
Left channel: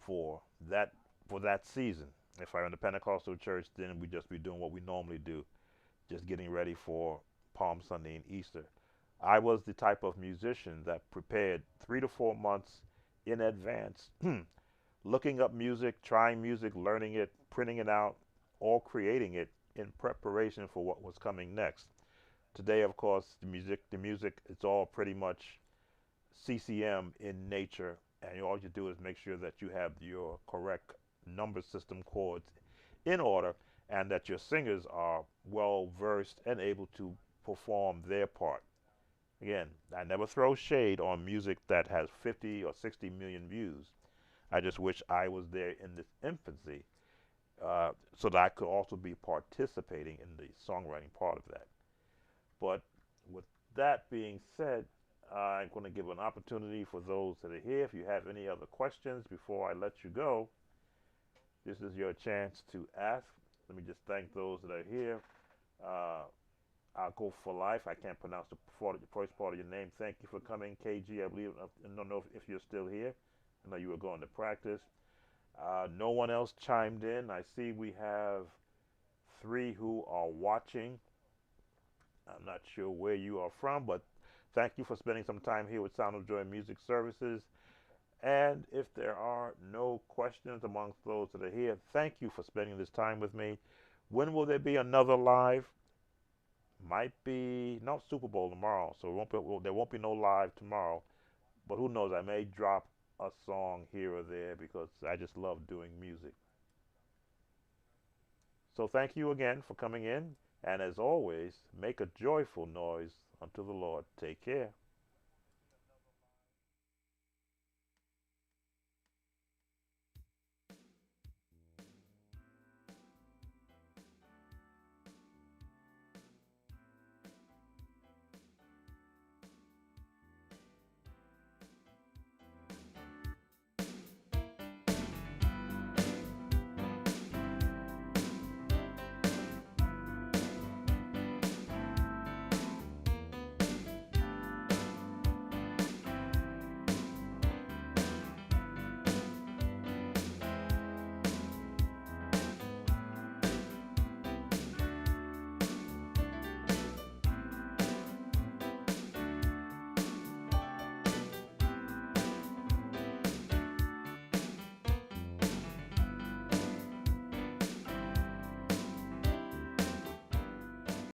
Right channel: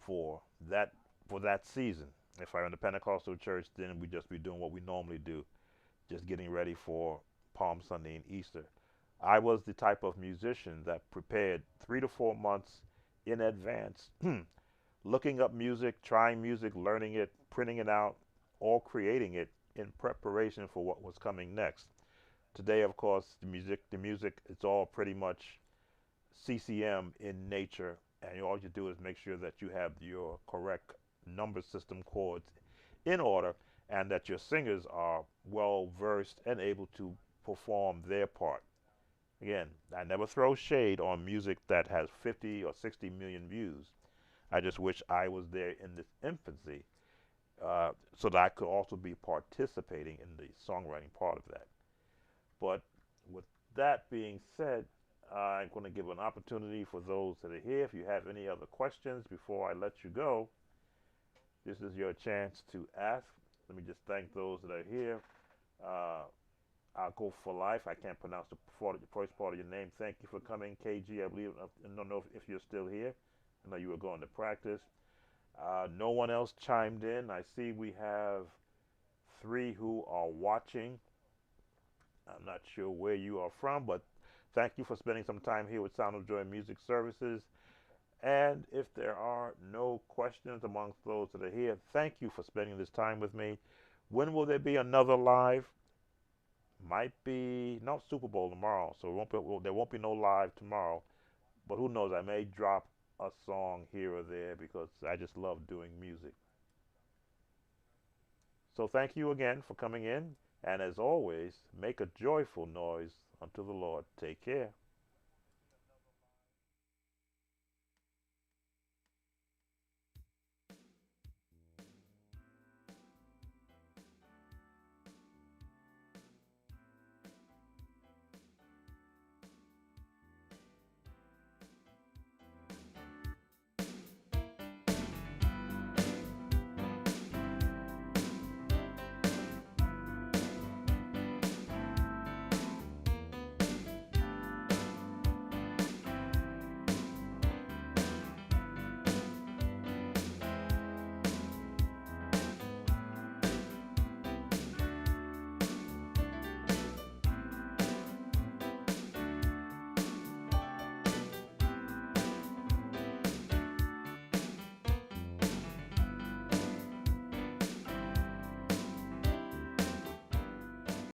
for that for that season. If I'm in the Pentecostal church, then we just be doing what we normally do, just getting ready for Palm Sunday and Easter. I was the type of musician that prepared 3 to 4 months in advance, looking up music, trying music, learning it, printing it out, or creating it in preparation for what was coming next. Today, of course, the music, it's all pretty much CCM in nature, and all you do is make sure that you have your correct number system chords in order, and that your singers are well versed and able to perform their part. Again, I never throw shade on music that has 50 or 60 million views. I just wish I was there in this infancy, so that I could also be participating in the songwriting part of that. But with that being said, I'm going to give an opportunity for those that are here. If you have any other questions before I let you go, this is your chance to ask. Let me just thank those that are here. Uh, I'll go for life. I can't pronounce the first part of your name. Thank you for coming, KG. I believe. I don't know if you're still here. I know you were going to practice. No one else chimed in. I see we have 3 who are watching. I'm not sure where you are from, but thank you for spending some time here with Sound of Joy Music Services. And if there are no questions amongst those that are here, thank you for spending this time with me. When will there be another live? Might be no Super Bowl tomorrow, so there won't be no live tomorrow. But who knows? I may drop a song here or there because I just love doing music. So thank you again for coming in, and as always, make a joyful noise unto the Lord. Take care.